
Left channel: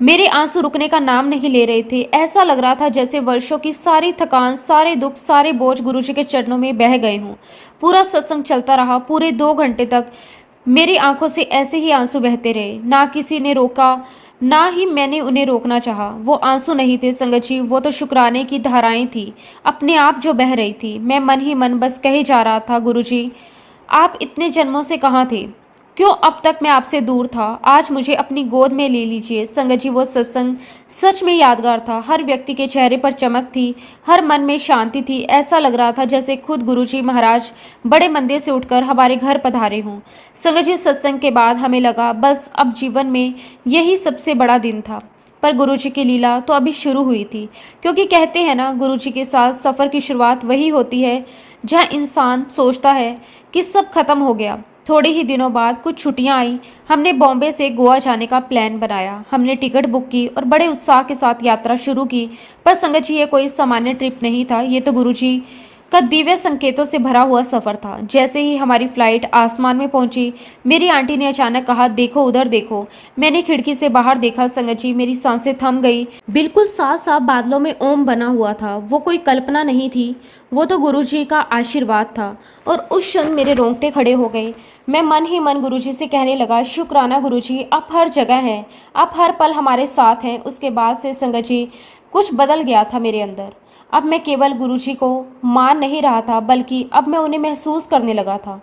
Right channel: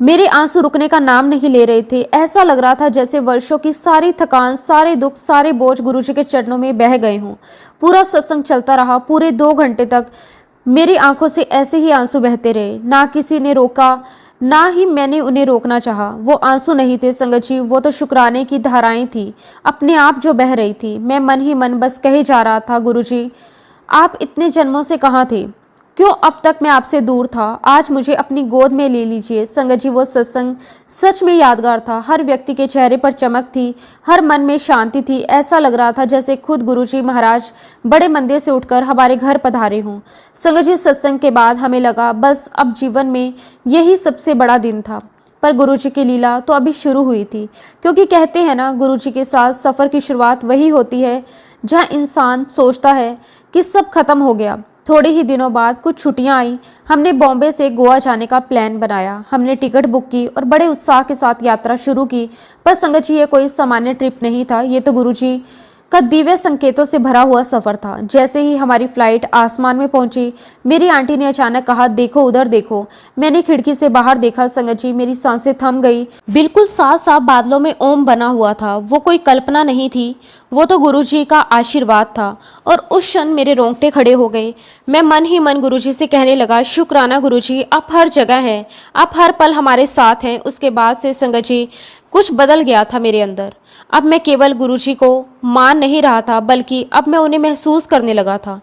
मेरे आंसू रुकने का नाम नहीं ले रहे थे। ऐसा लग रहा था जैसे वर्षों की सारी थकान, सारे दुख, सारे बोझ गुरुजी के चरणों में बह गए हों। पूरा सत्संग चलता रहा। पूरे 2 घंटे तक मेरी आंखों से ऐसे ही आंसू बहते रहे। ना किसी ने रोका, ना ही मैंने उन्हें रोकना चाहा। वो आंसू नहीं थे संगत जी, वो तो शुक्राने की धाराएं थी, अपने आप जो बह रही थी। मैं मन ही मन बस कहे जा रहा था, गुरुजी आप इतने जन्मों से कहाँ थे? क्यों अब तक मैं आपसे दूर था? आज मुझे अपनी गोद में ले लीजिए। संगत जी वो सत्संग सच में यादगार था। हर व्यक्ति के चेहरे पर चमक थी, हर मन में शांति थी। ऐसा लग रहा था जैसे खुद गुरुजी महाराज बड़े मंदिर से उठकर हमारे घर पधारे हों। संगत जी सत्संग के बाद हमें लगा बस अब जीवन में यही सबसे बड़ा दिन था। पर गुरुजी की लीला तो अभी शुरू हुई थी, क्योंकि कहते हैं ना, गुरुजी के साथ सफ़र की शुरुआत वही होती है जहाँ इंसान सोचता है कि सब खत्म हो गया। थोड़े ही दिनों बाद कुछ छुट्टियां आई। हमने बॉम्बे से गोवा जाने का प्लान बनाया। हमने टिकट बुक की और बड़े उत्साह के साथ यात्रा शुरू की। पर संगत जी ये कोई सामान्य ट्रिप नहीं था, ये तो गुरुजी का दिव्य संकेतों से भरा हुआ सफर था। जैसे ही हमारी फ्लाइट आसमान में पहुंची, मेरी आंटी ने अचानक कहा, देखो उधर देखो। मैंने खिड़की से बाहर देखा संगत जी, मेरी सांसें थम गई। बिल्कुल साफ साफ बादलों में ओम बना हुआ था। वो कोई कल्पना नहीं थी, वो तो गुरुजी का आशीर्वाद था। और उस क्षण मेरे रोंगटे खड़े हो गए। मैं मन ही मन गुरुजी से कहने लगा, शुक्राना गुरुजी, आप हर जगह हैं, आप हर पल हमारे साथ हैं। उसके बाद से संगत जी कुछ बदल गया था मेरे अंदर। अब मैं केवल गुरुजी को मान नहीं रहा था, बल्कि अब मैं उन्हें महसूस करने लगा था।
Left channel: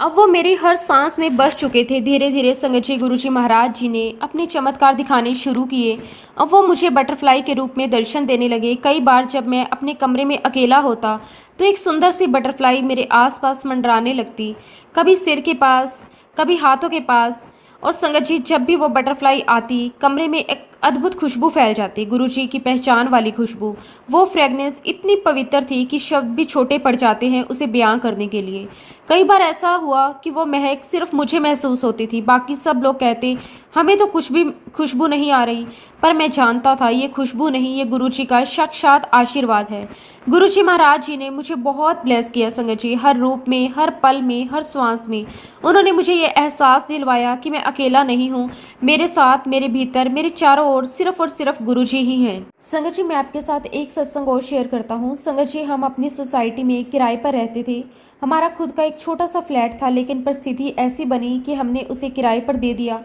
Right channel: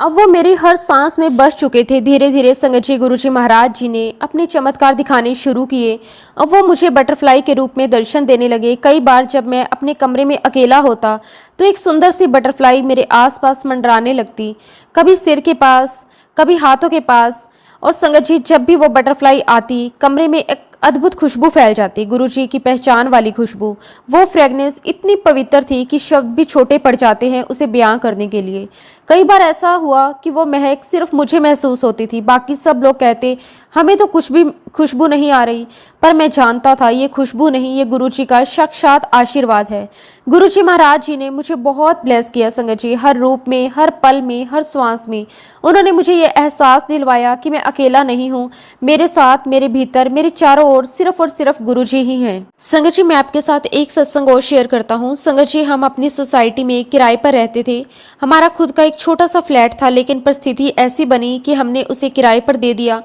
अब वो मेरी हर सांस में बस चुके थे। धीरे धीरे संगत जी गुरुजी महाराज जी ने अपने चमत्कार दिखाने शुरू किए। अब वो मुझे बटरफ्लाई के रूप में दर्शन देने लगे। कई बार जब मैं अपने कमरे में अकेला होता तो एक सुंदर सी बटरफ्लाई मेरे आसपास मंडराने लगती, कभी सिर के पास, कभी हाथों के पास। और संगत जी जब भी वो बटरफ्लाई आती, कमरे में एक अद्भुत खुशबू फैल जाती, गुरुजी की पहचान वाली खुशबू। वो फ्रेगनेंस इतनी पवित्र थी कि शब्द भी छोटे पड़ जाते हैं उसे बयां करने के लिए। कई बार ऐसा हुआ कि वो महक सिर्फ मुझे महसूस होती थी। बाकी सब लोग कहते हमें तो कुछ भी खुशबू नहीं आ रही, पर मैं जानता था ये खुशबू नहीं, ये गुरुजी का साक्षात आशीर्वाद है। गुरुजी महाराज जी ने मुझे बहुत ब्लेस किया संगत जी, हर रूप में, हर पल में, हर श्वास में। उन्होंने मुझे ये एहसास दिलवाया कि मैं अकेला नहीं हूँ। मेरे साथ, मेरे भीतर, मेरे चारों ओर सिर्फ और सिर्फ गुरुजी ही हैं। संगत जी मैं आपके साथ एक सत्संग और शेयर करता हूँ। संगत जी हम अपनी सोसाइटी में किराए पर रहते थे। हमारा खुद का एक छोटा सा फ्लैट था, लेकिन परिस्थिति ऐसी बनी कि हमने उसे किराए पर दे दिया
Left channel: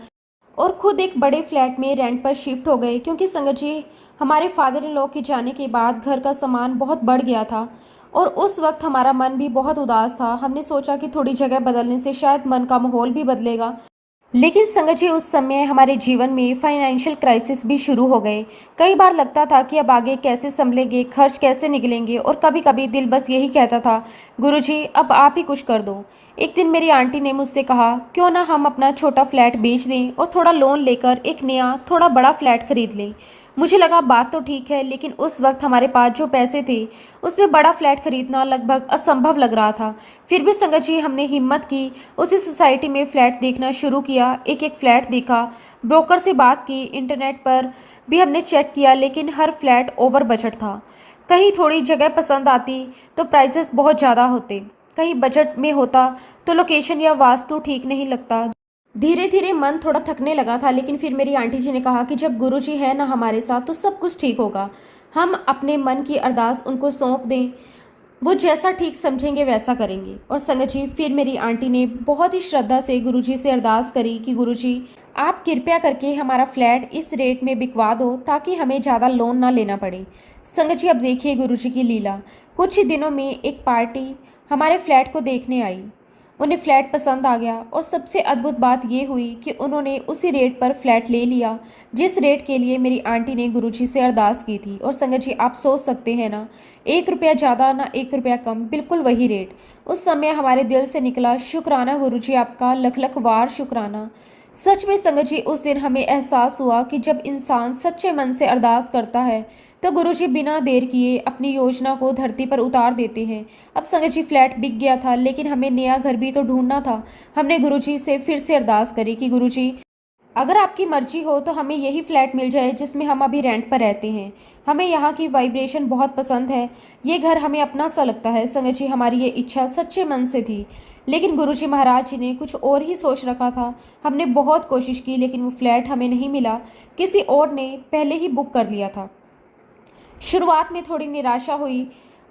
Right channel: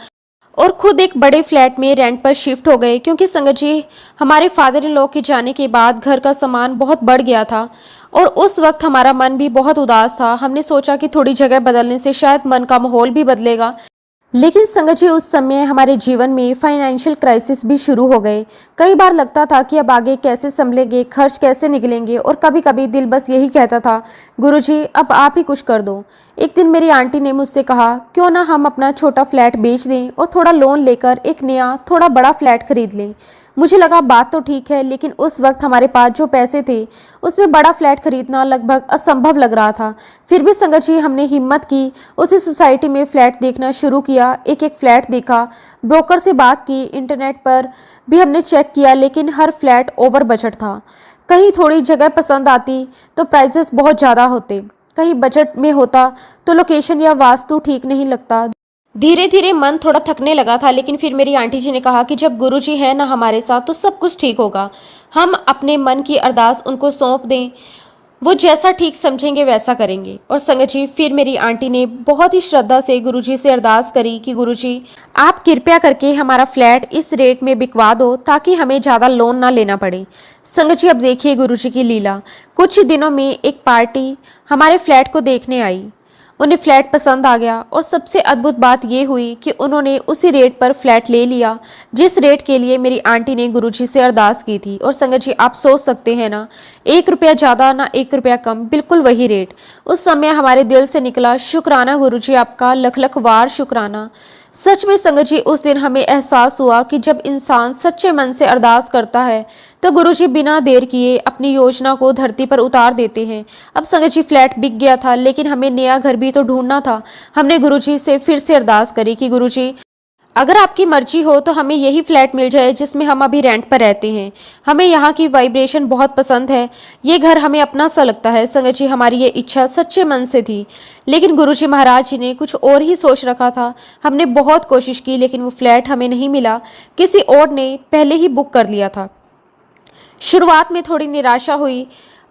और खुद एक बड़े फ्लैट में रेंट पर शिफ्ट हो गए। क्योंकि संगत जी हमारे फादर इन लॉ के जाने के बाद घर का सामान बहुत बढ़ गया था और उस वक्त हमारा मन भी बहुत उदास था। हमने सोचा कि थोड़ी जगह बदलने से शायद मन का माहौल भी बदलेगा। लेकिन संगत जी उस समय हमारे जीवन में फाइनेंशियल क्राइसिस भी शुरू हो गए। कई बार लगता था कि अब आगे कैसे संभलेंगे, खर्च कैसे निकलेंगे, और कभी कभी दिल बस यही कहता था, गुरुजी अब आप ही कुछ कर दो। एक दिन मेरी आंटी ने मुझसे कहा, क्यों ना हम अपना छोटा फ्लैट बेच दें और थोड़ा लोन लेकर एक नया थोड़ा बड़ा फ्लैट खरीद लें। मुझे लगा बात तो ठीक है, लेकिन उस वक्त हमारे पास जो पैसे थे उसमें बड़ा फ्लैट खरीदना लगभग असंभव लग रहा था। फिर भी संगत जी हमने हिम्मत की, उसी सोसाइटी में फ्लैट देखना शुरू किया। एक एक फ्लैट देखा, ब्रोकर से बात की, इंटरनेट पर भी हमने चेक किया, लेकिन हर फ्लैट ओवर बजट था। कहीं थोड़ी जगह पसंद आती तो प्राइसेस बहुत ज़्यादा होते, कहीं बजट में होता तो लोकेशन या वास्तु ठीक नहीं लगता। धीरे धीरे मन थोड़ा थकने लगा था, लेकिन फिर मेरी आंटी जी ने कहा कि जब गुरुजी है ना हमारे साथ तो सब कुछ ठीक होगा। हम अपने मन की अरदास उनको सौंप दें, वो जैसा ठीक समझेंगे वैसा करेंगे। और संगत जी फिर मेरी आंटी ने बहुत ही श्रद्धा से गुरुजी से अरदास करी कि गुरुजी आप कृपया करके हमारा फ्लैट इस रेट में बिकवा दो ताकि हमें ज़्यादा लोन ना लेना पड़े। संगत जी अब देखिए गुरुजी की लीला। कुछ ही दिनों में एक पार्टी हमारे फ्लैट को देखने आई उन्हें फ्लैट पसंद आ गया और सबसे अद्भुत बात ये हुई कि उन्होंने उसी रेट पर फ्लैट ले लिया जिस रेट के लिए मेरी आंटी ने गुरुजी से अरदास की थी। और संगत जी, आप सोच सकते हैं ना, 1 रुपया ज़्यादा ना 1 रुपया कम, बिल्कुल वही रेट। उस समय हमारे दिल से निकला, शुक्राना गुरुजी, आपका लख लख वार शुक्राना। सच में संगत जी, उस दिन हमें एहसास हुआ कि जब इंसान सच्चे मन से अरदास करता है तो गुरुजी बिना देर किए अपनी योजना को धरती पर उतार देते हैं। अब संगत जी, फ्लैट बिक गया था, लेकिन हमें नया घर भी तो ढूंढना था। हमने गुरुजी से फिर से अरदास करी कि गुरुजी, अगर आपकी मर्जी हो तो हमें यही फ्लैट मिल जाए जिसमें हम अभी रेंट पर रहते हैं। हमें यहाँ की वाइब्रेशन बहुत पसंद है, ये घर हमें अपना सा लगता है। संगत जी, हमारी ये इच्छा सच्चे मन से थी, लेकिन गुरुजी महाराज जी ने कुछ और ही सोच रखा था। हमने बहुत कोशिश की, लेकिन वो फ्लैट हमें नहीं मिला, किसी और ने पहले ही बुक कर लिया था। शुरुआत में थोड़ी निराशा हुई,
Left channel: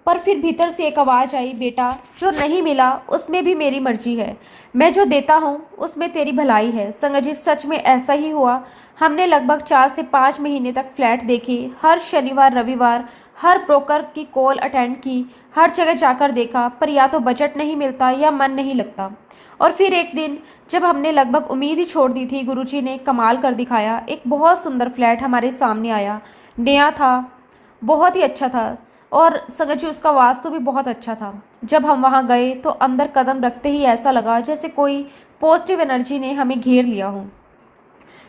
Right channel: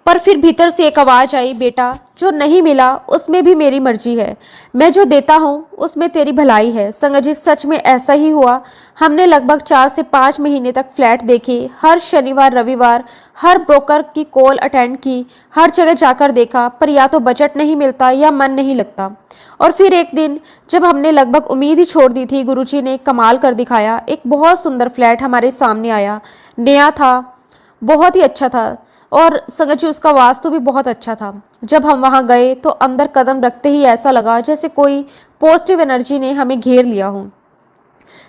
पर फिर भीतर से एक आवाज़ आई, बेटा, जो नहीं मिला उसमें भी मेरी मर्जी है, मैं जो देता हूँ उसमें तेरी भलाई है। संगत जी, सच में ऐसा ही हुआ। हमने लगभग 4 से 5 महीने तक फ्लैट देखे, हर शनिवार रविवार हर ब्रोकर की कॉल अटेंड की, हर जगह जाकर देखा, पर या तो बजट नहीं मिलता या मन नहीं लगता। और फिर एक दिन जब हमने लगभग उम्मीद ही छोड़ दी थी, गुरुजी ने कमाल कर दिखाया। एक बहुत सुंदर फ्लैट हमारे सामने आया, नया था, बहुत ही अच्छा था, और संगत जी, उसका वास्तु भी बहुत अच्छा था। जब हम वहां गए तो अंदर कदम रखते ही ऐसा लगा जैसे कोई पॉजिटिव एनर्जी ने हमें घेर लिया हो।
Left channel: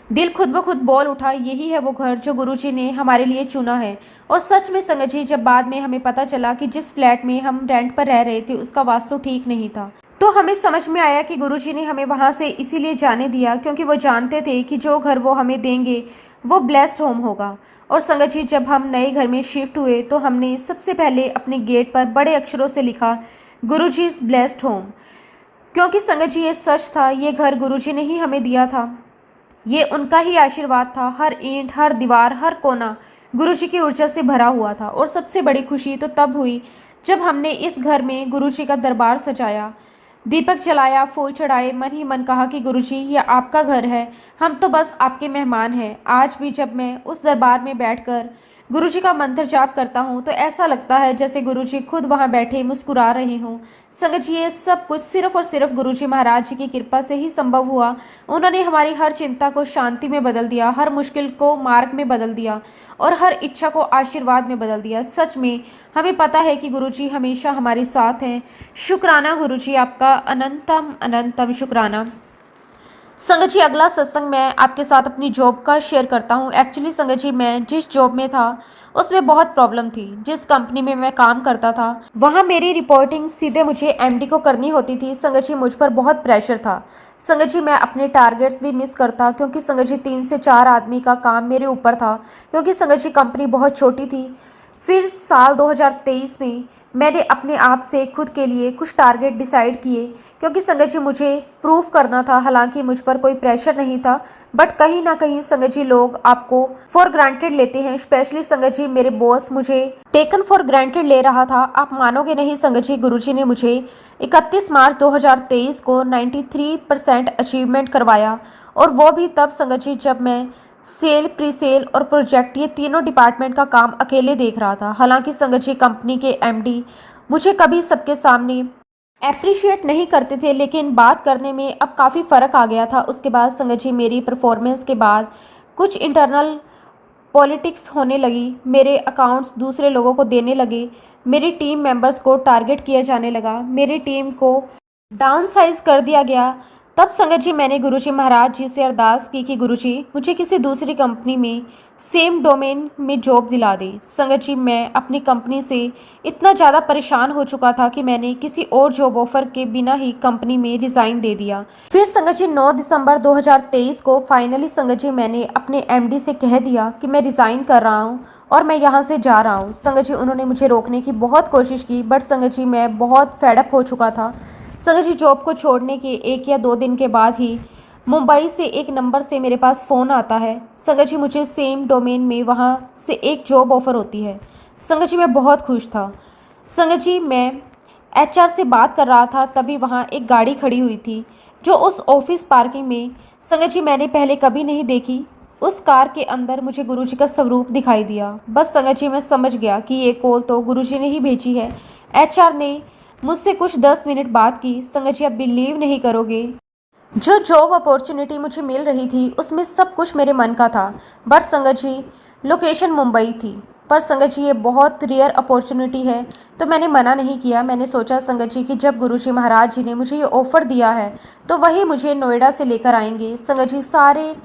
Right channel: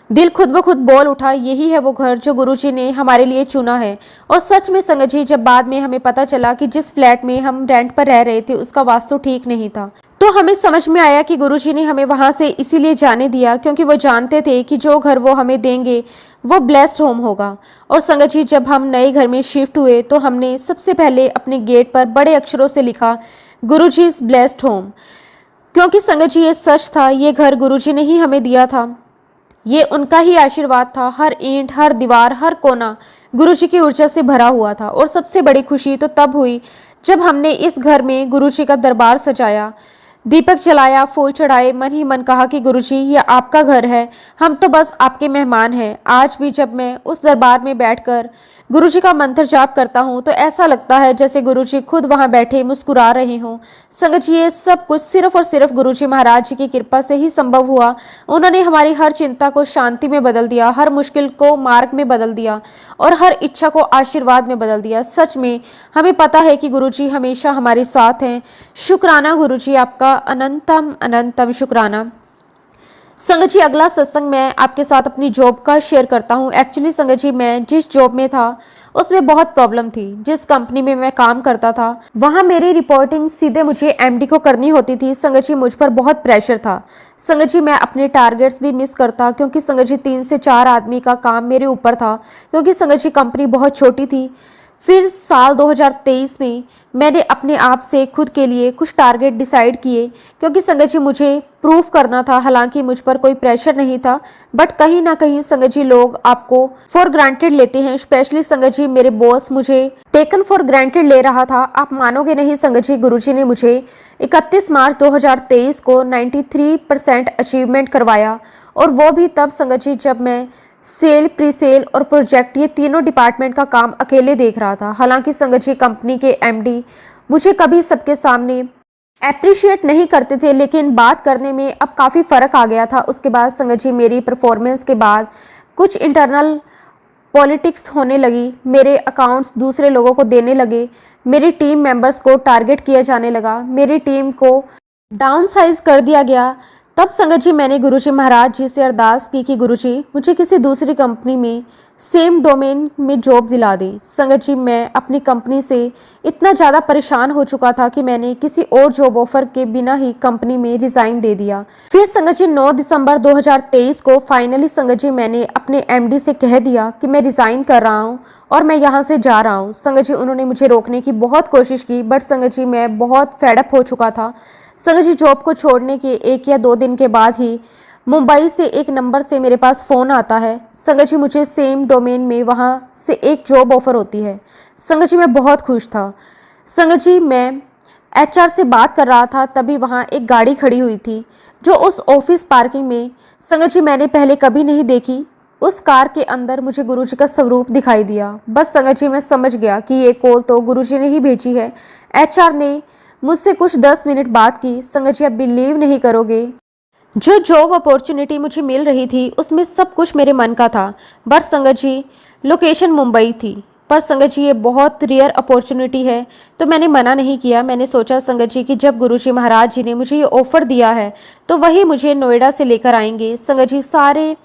दिल खुद ब खुद बोल उठा, यही है वो घर जो गुरुजी ने हमारे लिए चुना है। और सच में संगत जी, जब बाद में हमें पता चला कि जिस फ्लैट में हम रेंट पर रह रहे थे उसका वास्तु ठीक नहीं था, तो हमें समझ में आया कि गुरुजी ने हमें वहां से इसीलिए जाने दिया क्योंकि वो जानते थे कि जो घर वो हमें देंगे वो ब्लेस्ड होम होगा। और संगत जी, जब हम नए घर में शिफ्ट हुए तो हमने सबसे पहले अपने गेट पर बड़े अक्षरों से लिखा, गुरुजी इज ब्लेस्ड होम। क्योंकि संगत जी, ये सच था, ये घर गुरुजी ने ही हमें दिया था, ये उनका ही आशीर्वाद था। हर ईंट, हर दीवार, हर कोना गुरुजी की ऊर्जा से भरा हुआ था। और सबसे बड़ी खुशी तो तब हुई जब हमने इस घर में गुरुजी का दरबार सजाया, दीपक जलाया, फूल चढ़ाए, मन ही मन कहा कि गुरुजी, ये आपका घर है, हम तो बस आपके मेहमान हैं। आज भी जब मैं उस दरबार में बैठकर गुरुजी का मंत्र जाप करता हूँ तो ऐसा लगता है जैसे गुरुजी खुद वहाँ बैठे मुस्कुरा रहे हों। संगत जी, ये सब कुछ सिर्फ और सिर्फ गुरुजी महाराज जी की कृपा से ही संभव हुआ। उन्होंने हमारी हर चिंता को शांति में बदल दिया, हर मुश्किल को मार्ग में बदल दिया और हर इच्छा को आशीर्वाद में बदल दिया। सच में हमें पता है कि गुरुजी हमेशा हमारे साथ हैं। शुक्राना गुरुजी, आपका अनंतम अनंतम शुक्राना। संगत जी, अगला सत्संग मैं आपके साथ अपनी जॉब का शेयर करता हूँ। एक्चुअली संगत जी, मैं जिस जॉब में था उसमें बहुत प्रॉब्लम थी। जिस कंपनी में मैं काम करता था वहाँ मेरी रिपोर्टिंग सीधे मुझे एमडी को करनी होती थी। संगत जी, मुझ पर बहुत प्रेशर था। संगत जी, मैं अपने टारगेट्स भी मिस करता क्योंकि संगत जी 3 से 4 आदमी का काम मेरे ऊपर था, क्योंकि संगत जी कंपनी बहुत छोटी थी। फिर साल 2023 में मैंने अपने आप से खुद के लिए कुछ टारगेट डिसाइड किए, क्योंकि संगत जी मुझे प्रूफ करना था। हालांकि मुझ पर कोई प्रेशर नहीं था, बट कहीं ना कहीं संगत जी लोग आपको फॉर ग्रांटेड लेते हैं। स्पेशली संगत जी, मेरे बॉस मुझे टेकन फॉर ग्रांटेड ले रहा था। आप मानोगे नहीं संगत जी, गुरुजी ने मुझे 31 मार्च 2023 को 93% अचीवमेंट करवाया, और वो भी तब संगत जी जब मैं सेल, प्री सेल और प्रोजेक्ट, ये तीनों डिपार्टमेंट का काम अकेले देख रहा था। हालांकि संगत जी कंपनी के एमडी मुझे कभी सबके सामने एप्रिशिएट नहीं करते थे, लेकिन बात करने में अब काफ़ी फ़र्क आ गया था। उसके बाद संगत जी मेरी परफॉर्मेंस के बाद कुछ इंटरनल पॉलिटिक्स होने लगी, मेरे अकाउंट्स दूसरे लोगों को देने लगे, मेरी टीम मेंबर्स को टारगेट किया जाने लगा, मेरी टीम को डाउन साइज कर दिया गया। तब संगत जी मैंने गुरुजी महाराज जी से अरदास की कि गुरुजी मुझे किसी दूसरी कंपनी में सेम डोमेन में जॉब दिला दे। संगत जी, मैं अपनी कंपनी से इतना ज़्यादा परेशान हो चुका था कि मैंने किसी और जॉब ऑफर के बिना ही कंपनी में रिज़ाइन दे दिया। फिर संगत जी 9 दिसंबर 2023 को फाइनली संगत जी मैंने अपने एमडी से कह दिया कि मैं रिज़ाइन कर रहा हूँ और मैं यहाँ से जा रहा हूँ। संगत जी, उन्होंने मुझे रोकने की बहुत कोशिश की, बट संगत जी मैं बहुत फेडअप हो चुका था। संगत जी, जॉब को छोड़ने के 1 या 2 दिन के बाद ही मुंबई से एक नंबर से मेरे पास फ़ोन आता है। संगत जी, मुझे सेम डोमेन में वहाँ से एक जॉब ऑफर होती है। संगत जी, मैं बहुत खुश था। संगत जी, मैं एचआर से बात कर रहा था, तभी वहाँ एक गाड़ी खड़ी हुई थी जो उस ऑफिस पार्किंग में संगत जी मैंने पहले कभी नहीं देखी। उस कार के अंदर मुझे गुरुजी का स्वरूप दिखाई दिया। बस संगत जी, मैं समझ गया कि ये कॉल तो गुरुजी ने ही भेजी है। एचआर ने मुझसे कुछ 10 मिनट बात की। संगत जी, आप बिलीव नहीं करोगे, जो जॉब अपॉर्चुनिटी मुझे मिल रही थी उसमें सब कुछ मेरे मन का था। बट संगत जी, लोकेशन मुंबई थी। पर संगत जी, ये बहुत रेयर अपॉर्चुनिटी है, तो मैंने मना नहीं किया। मैंने सोचा संगत जी कि जब गुरुजी महाराज जी ने मुझे ये ऑफ़र दिया है तो वही मुझे नोएडा से लेकर आएंगे। संगत जी, सारे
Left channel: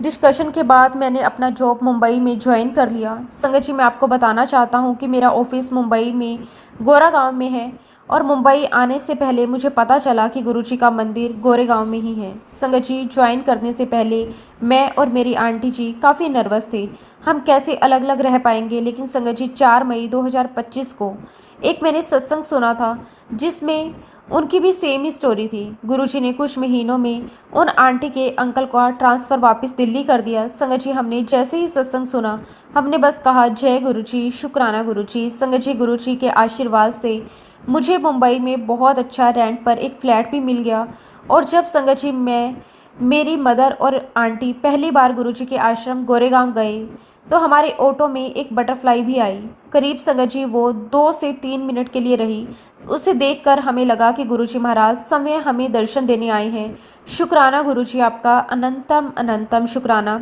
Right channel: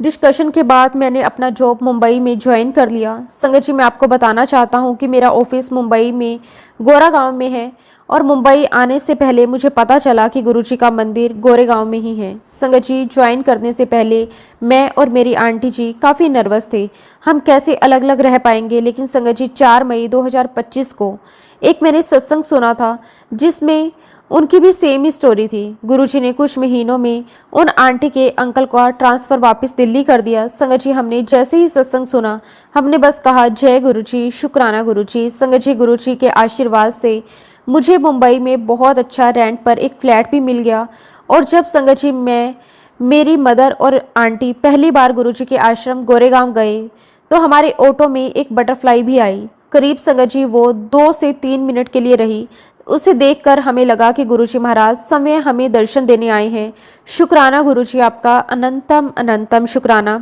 डिस्कशन के बाद मैंने अपना जॉब मुंबई में ज्वाइन कर लिया। संगत जी, मैं आपको बताना चाहता हूँ कि मेरा ऑफिस मुंबई में गोरागांव में है, और मुंबई आने से पहले मुझे पता चला कि गुरुजी का मंदिर गोरेगांव में ही है। संगत जी, ज्वाइन करने से पहले मैं और मेरी आंटी जी काफ़ी नर्वस थे, हम कैसे अलग अलग रह पाएंगे। लेकिन संगत जी, 4 मई 2025 को एक मैंने सत्संग सुना था जिसमें उनकी भी सेम ही स्टोरी थी। गुरुजी ने कुछ महीनों में उन आंटी के अंकल का ट्रांसफ़र वापस दिल्ली कर दिया। संगत जी, हमने जैसे ही सत्संग सुना हमने बस कहा जय गुरुजी, शुक्राना गुरुजी। संगत जी, गुरुजी के आशीर्वाद से मुझे मुंबई में बहुत अच्छा रेंट पर एक फ्लैट भी मिल गया। और जब संगत जी, मैं, मेरी मदर और आंटी पहली बार गुरुजी के आश्रम गोरेगांव गए तो हमारे ऑटो में एक बटरफ्लाई भी आई। करीब संगत जी वो 2 से 3 मिनट के लिए रही। उसे देखकर हमें लगा कि गुरुजी महाराज समय हमें दर्शन देने आए हैं। शुक्राना गुरुजी, आपका अनंतम अनंतम शुक्राना।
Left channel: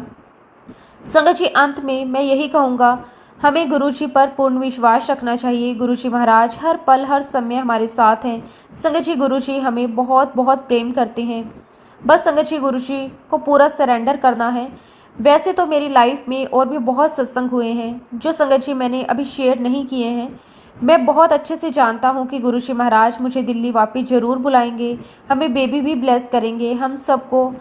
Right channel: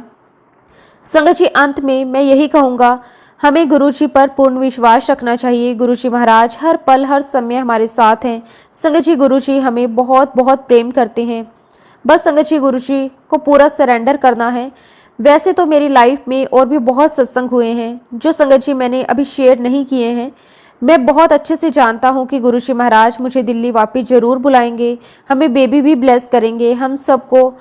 संगत जी, अंत में मैं यही कहूँगा, हमें गुरुजी पर पूर्ण विश्वास रखना चाहिए। गुरुजी महाराज हर पल हर समय हमारे साथ हैं। संगत जी, गुरुजी हमें बहुत बहुत प्रेम करते हैं। बस संगत जी, गुरुजी को पूरा सरेंडर करना है। वैसे तो मेरी लाइफ में और भी बहुत सत्संग हुए हैं जो संगत जी मैंने अभी शेयर नहीं किए हैं। मैं बहुत अच्छे से जानता हूँ कि गुरुजी महाराज मुझे दिल्ली वापस ज़रूर बुलाएंगे, हमें बेबी भी ब्लेस करेंगे। हम सबको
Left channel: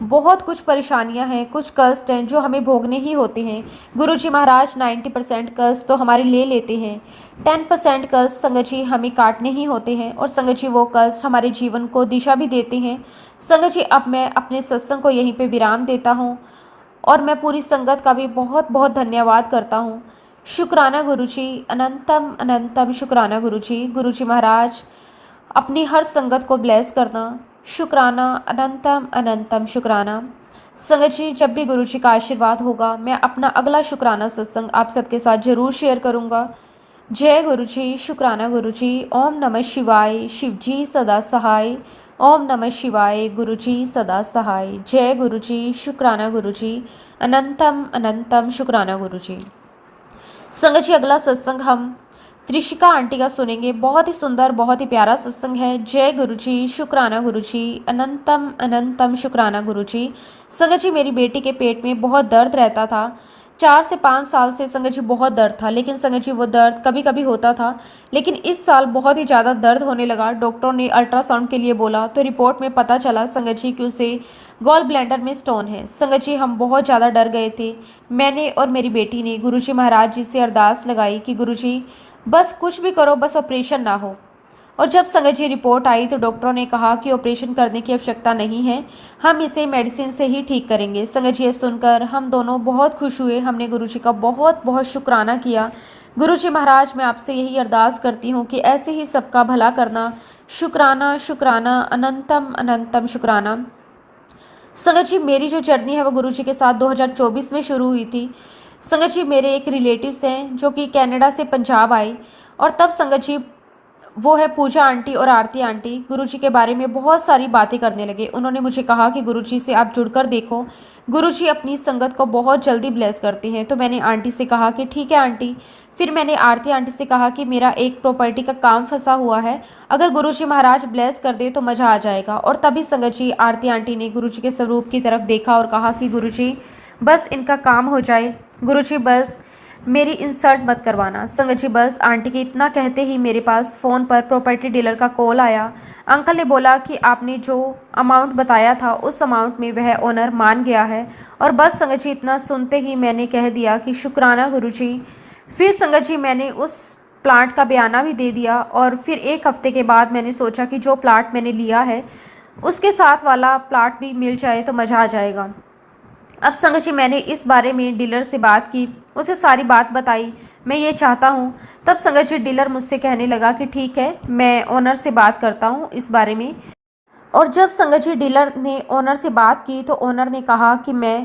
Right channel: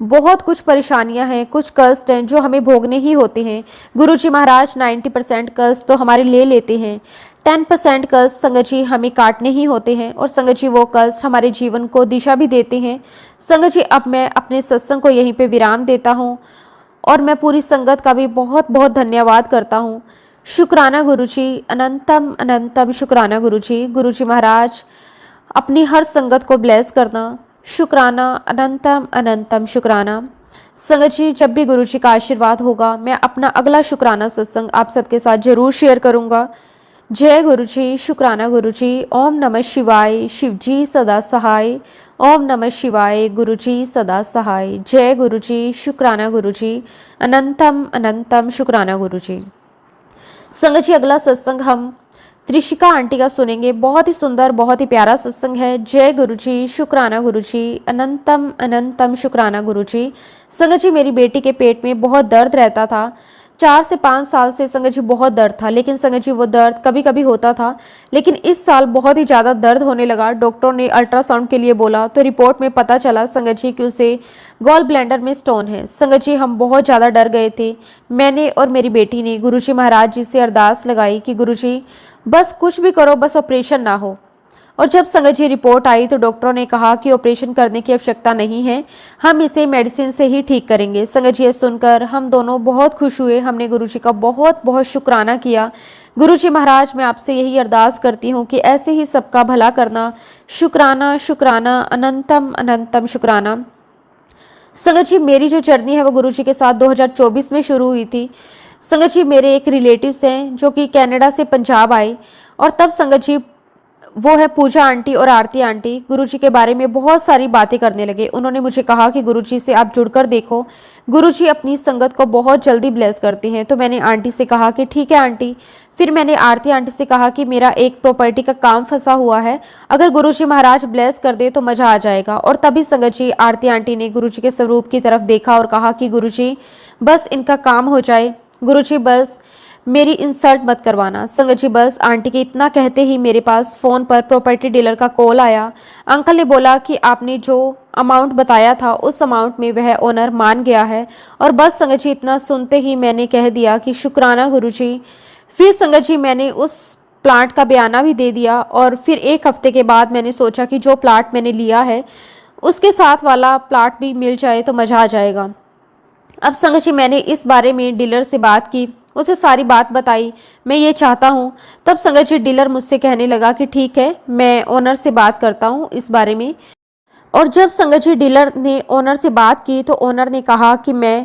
बहुत कुछ परेशानियां हैं, कुछ कष्ट हैं जो हमें भोगने ही होते हैं। गुरुजी महाराज 90% कष्ट तो हमारे ले लेते हैं, 10% कष्ट संगत जी हमें काटने ही होते हैं, और संगत जी वो कष्ट हमारे जीवन को दिशा भी देते हैं। संगत जी, अब मैं अपने सत्संग को यहीं पे विराम देता हूँ और मैं पूरी संगत का भी बहुत बहुत धन्यवाद करता हूँ। शुक्राना गुरुजी, अनंतम अनंतम शुक्राना गुरुजी। गुरुजी महाराज अपनी हर संगत को ब्लेस करना। शुक्राना, अनंतम अनंतम शुक्राना। संगत जी, जब भी गुरुजी का आशीर्वाद होगा मैं अपना अगला शुक्राना सत्संग आप सबके साथ जरूर शेयर करूंगा। जय गुरुजी, शुक्राना गुरुजी। ओम नमः शिवाय, शिवजी सदा सहाय। ओम नमः शिवाय, गुरुजी सदा सहाय। जय गुरुजी, शुक्राना गुरुजी, अनंतम अनंतम शुक्राना गुरुजी। संगत जी, अगला सत्संग हम त्रिशिका आंटी का सुनेंगे। बहुत ही सुंदर, बहुत ही प्यारा सत्संग है। जय गुरुजी, शुक्राना गुरुजी, अनंतम अनंतम शुक्राना गुरुजी। संगत जी, मेरी बेटी के पेट में बहुत दर्द रहता था। 4 से 5 साल से संगत जी बहुत दर्द था, लेकिन संगत जी वो दर्द कभी कभी होता था, लेकिन इस साल बहुत ही ज़्यादा दर्द होने लगा। डॉक्टर ने अल्ट्रासाउंड के लिए बोला तो रिपोर्ट में पता चला संगत जी कि उसे गॉल ब्लैंडर में स्टोन है। संगत जी, हम बहुत ज़्यादा डर गए थे। मैंने और मेरी बेटी ने गुरुजी महाराज जी से अरदास लगाई कि गुरुजी बस कुछ भी करो, बस ऑपरेशन ना हो। और जब संगत जी रिपोर्ट आई तो डॉक्टरों ने कहा कि ऑपरेशन करने की आवश्यकता नहीं है, हम इसे मेडिसिन से ही ठीक करेंगे। संगत जी, ये सुनकर हम दोनों बहुत खुश हुए। हमने गुरुजी का बहुत बहुत शुक्राना किया। गुरुजी महाराज, मैं आपसे यही अरदास करती हूँ कि ऐसे ही सबका भला करना। शुक्राना शुक्राना, अनंतम अनंतम शुक्राना। संगत जी, मेरी जो जर्नी है वो गुरुजी के साथ 2024 में शुरू हुई थी। संगत जी, मेरे एक रिलेटिव्स हैं जो कि कनाडा से पंजाब आए, और तब संगत जी वो है पूजा आंटी और आरती आंटी, गुरुजी के बारे में बहुत सारी बातें करने लगे। उन्होंने मुझे कहा कि गुरुजी से आप जुड़कर देखो, गुरुजी अपनी संगत को बहुत जल्दी ब्लेस करते हैं। तो मैंने आंटी से कहा कि ठीक है आंटी। फिर मैंने आरती आंटी से कहा कि मेरा एक प्रॉपर्टी का काम फंसा हुआ है, अगर गुरुजी महाराज ब्लेस कर दे तो मज़ा आ जाएगा। और तभी संगत जी आरती आंटी ने गुरुजी के स्वरूप की तरफ देखा और कहा कि गुरुजी बस इनका काम हो जाए, गुरुजी बस मेरी इंसल्ट मत करवाना। संगत जी, बस आंटी के इतना कहते ही मेरे पास फ़ोन पर प्रॉपर्टी डीलर का कॉल आया। अंकल ने बोला कि आपने जो अमाउंट बताया था उस अमाउंट में वह ओनर मान गया है। और बस संगत जी, इतना सुनते ही मैंने कह दिया कि शुक्राना गुरुजी। फिर संगत जी, मैंने उस प्लाट का बयाना भी दे दिया, और फिर 1 हफ्ते के बाद मैंने सोचा कि जो प्लाट मैंने लिया है उसके साथ वाला प्लाट भी मिल जाए तो मज़ा आ जाएगा। अब संगत जी, मैंने इस बारे में डीलर से बात की, उसे सारी बात बताई, मैं ये चाहता हूँ। तब संगत जी डीलर मुझसे कहने लगा कि ठीक है, मैं ओनर से बात करता हूँ इस बारे में। और जब संगत जी डीलर ने ओनर से बात की तो ओनर ने कहा कि मैं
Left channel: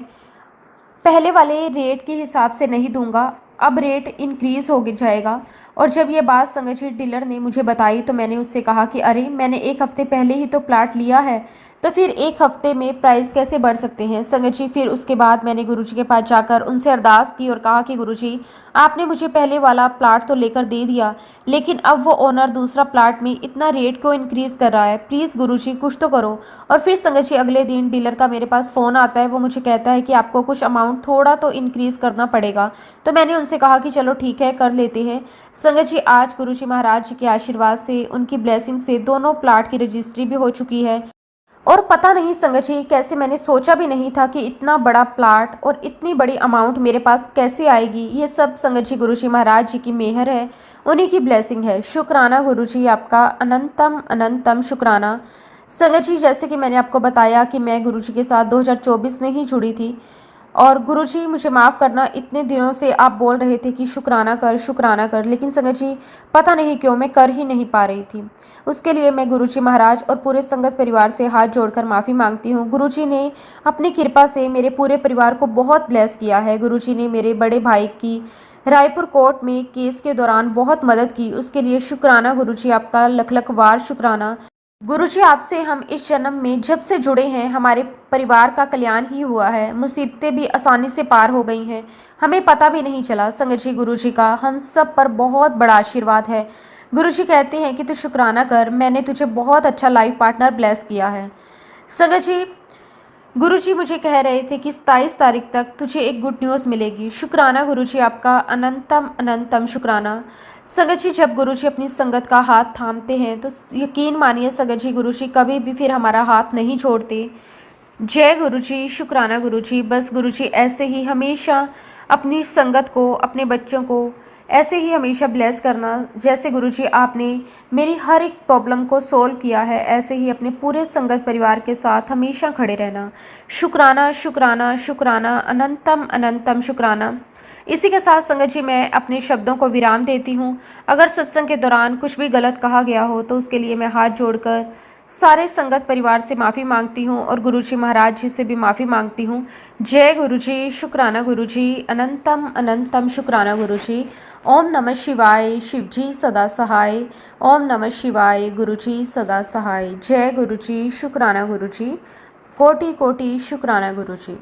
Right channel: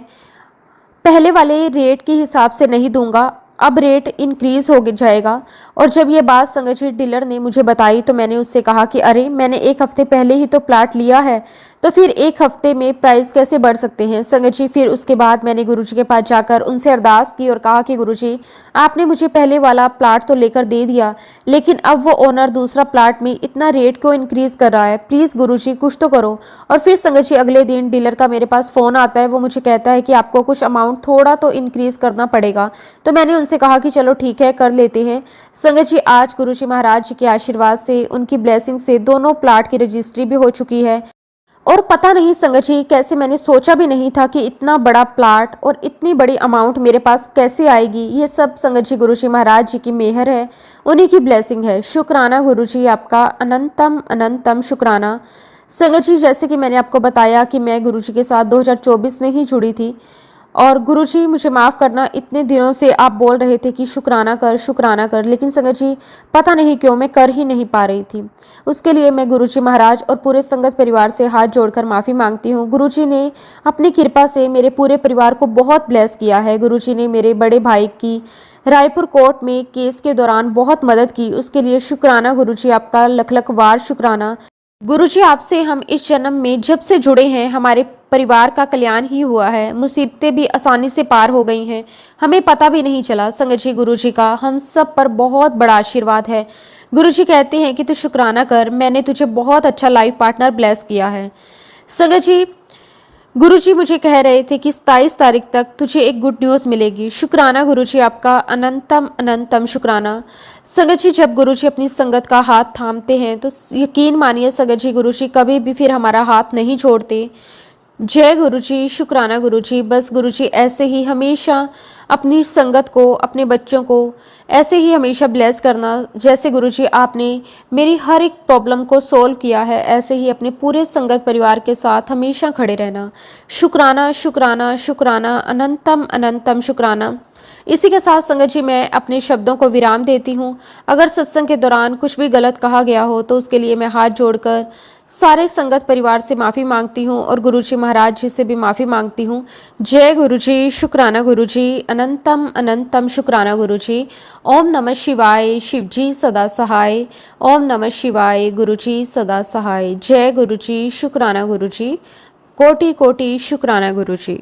पहले वाले रेट के हिसाब से नहीं दूंगा, अब रेट इंक्रीज़ हो जाएगा। और जब ये बात संगत जी डीलर ने मुझे बताई तो मैंने उससे कहा कि अरे मैंने 1 हफ्ते पहले ही तो प्लाट लिया है, तो फिर 1 हफ्ते में प्राइस कैसे बढ़ सकते हैं संगत जी। फिर उसके बाद मैंने गुरुजी के पास जाकर उनसे अरदास की और कहा कि गुरुजी आपने मुझे पहले वाला प्लाट तो लेकर दे दिया, लेकिन अब वो ओनर दूसरा प्लाट में इतना रेट क्यों इंक्रीज़ कर रहा है, प्लीज़ गुरुजी कुछ तो करो। और फिर संगत जी अगले दिन डीलर का मेरे पास फ़ोन आता है, वो मुझे कहता है कि आपको कुछ अमाउंट थोड़ा तो इंक्रीज़ करना पड़ेगा। तो मैंने उनसे कहा कि चलो ठीक है कर लेते हैं। संगत जी आज गुरुजी महाराज जी के आशीर्वाद से, उनकी ब्लेसिंग से दोनों प्लाट की रजिस्ट्री भी हो चुकी है। और पता नहीं संगत जी कैसे, मैंने सोचा भी नहीं था कि इतना बड़ा प्लाट और इतनी बड़ी अमाउंट मेरे पास कैसे आएगी। ये सब संगत जी गुरुजी महाराज जी की मेहर है, उन्हीं की ब्लेसिंग है। शुक्राना गुरुजी, आपका अनंतम अनंतम शुक्राना। संगत जी जैसे कि मैंने आपको बताया कि मैं गुरुजी के साथ 2024 में ही जुड़ी थी, और गुरुजी मुझे माफ़ करना, इतने दिनों से आप बोल रहे थे कि शुक्राना कर, लेकिन संगत जी पता नहीं क्यों मैं कर ही नहीं पा रही थी। उसके लिए मैं गुरुजी महाराज और पूरे संगत परिवार से हाथ जोड़कर माफ़ी मांगती हूँ। गुरुजी ने अपनी कृपा से मेरे पूरे परिवार को बहुत ब्लेस किया है। गुरुजी ने मेरे बड़े भाई की रायपुर कोर्ट में केस के दौरान बहुत मदद की, उसके लिए शुक्राना गुरुजी, आपका लख लख वार शुक्राना। गुरुजी आपसे हम इस जन्म में जब से जुड़े हैं हमारे परिवार का कल्याण ही हुआ है, मुसीबतें भी आसानी से पार हो गई हैं, हमें पता भी नहीं चला। संगत जी गुरुजी का हम सब पर बहुत बड़ा आशीर्वाद है। गुरुजी कहते हैं कि तू शुक्राना कर, मैंने तुझे बहुत अच्छा लाइफ पार्टनर ब्लेस किया है। संगत जी गुरुजी मुझे कह रहे थे कि 27 तारीख तक तुझे एक गुड न्यूज़ मिलेगी। शुक्राना गुरुजी, आपका अनंतम अनंतम शुक्राना। संगत जी जब गुरुजी अपनी संगत का हाथ थामते हैं तो यकीन मानिए संगत जी गुरुजी कभी भी फिर हमारा हाथ नहीं छोड़ते। जय गुरुजी, शुक्राना गुरुजी। बस गुरुजी ऐसे ही हमेशा अपनी संगत को, अपने बच्चों को ऐसे ही हमेशा ब्लेस करना, जैसे गुरुजी आपने मेरी हर एक प्रॉब्लम को सोल्व किया है, ऐसे ही अपने पूरे संगत परिवार के साथ हमेशा खड़े रहना। शुक्राना शुक्राना शुक्राना, अनंतम अनंतम शुक्राना। इसी के साथ संगत जी मैं अपने शब्दों को विराम देती हूँ। अगर सत्संग के दौरान कुछ भी गलत कहा गया हो तो उसके लिए मैं हाथ जोड़कर सारे संगत परिवार से माफ़ी मांगती हूँ और गुरुजी महाराज जी से भी माफ़ी मांगती हूँ। जय गुरुजी, शुक्राना गुरुजी, अनंतम अनंतम शुक्राना गुरुजी। ओम नमः शिवाय, शिवजी सदा सहाय। ओम नमः शिवाय, गुरुजी सदा सहाय। जय गुरुजी, शुक्राना गुरुजी, कोटि कोटि शुक्राना गुरुजी।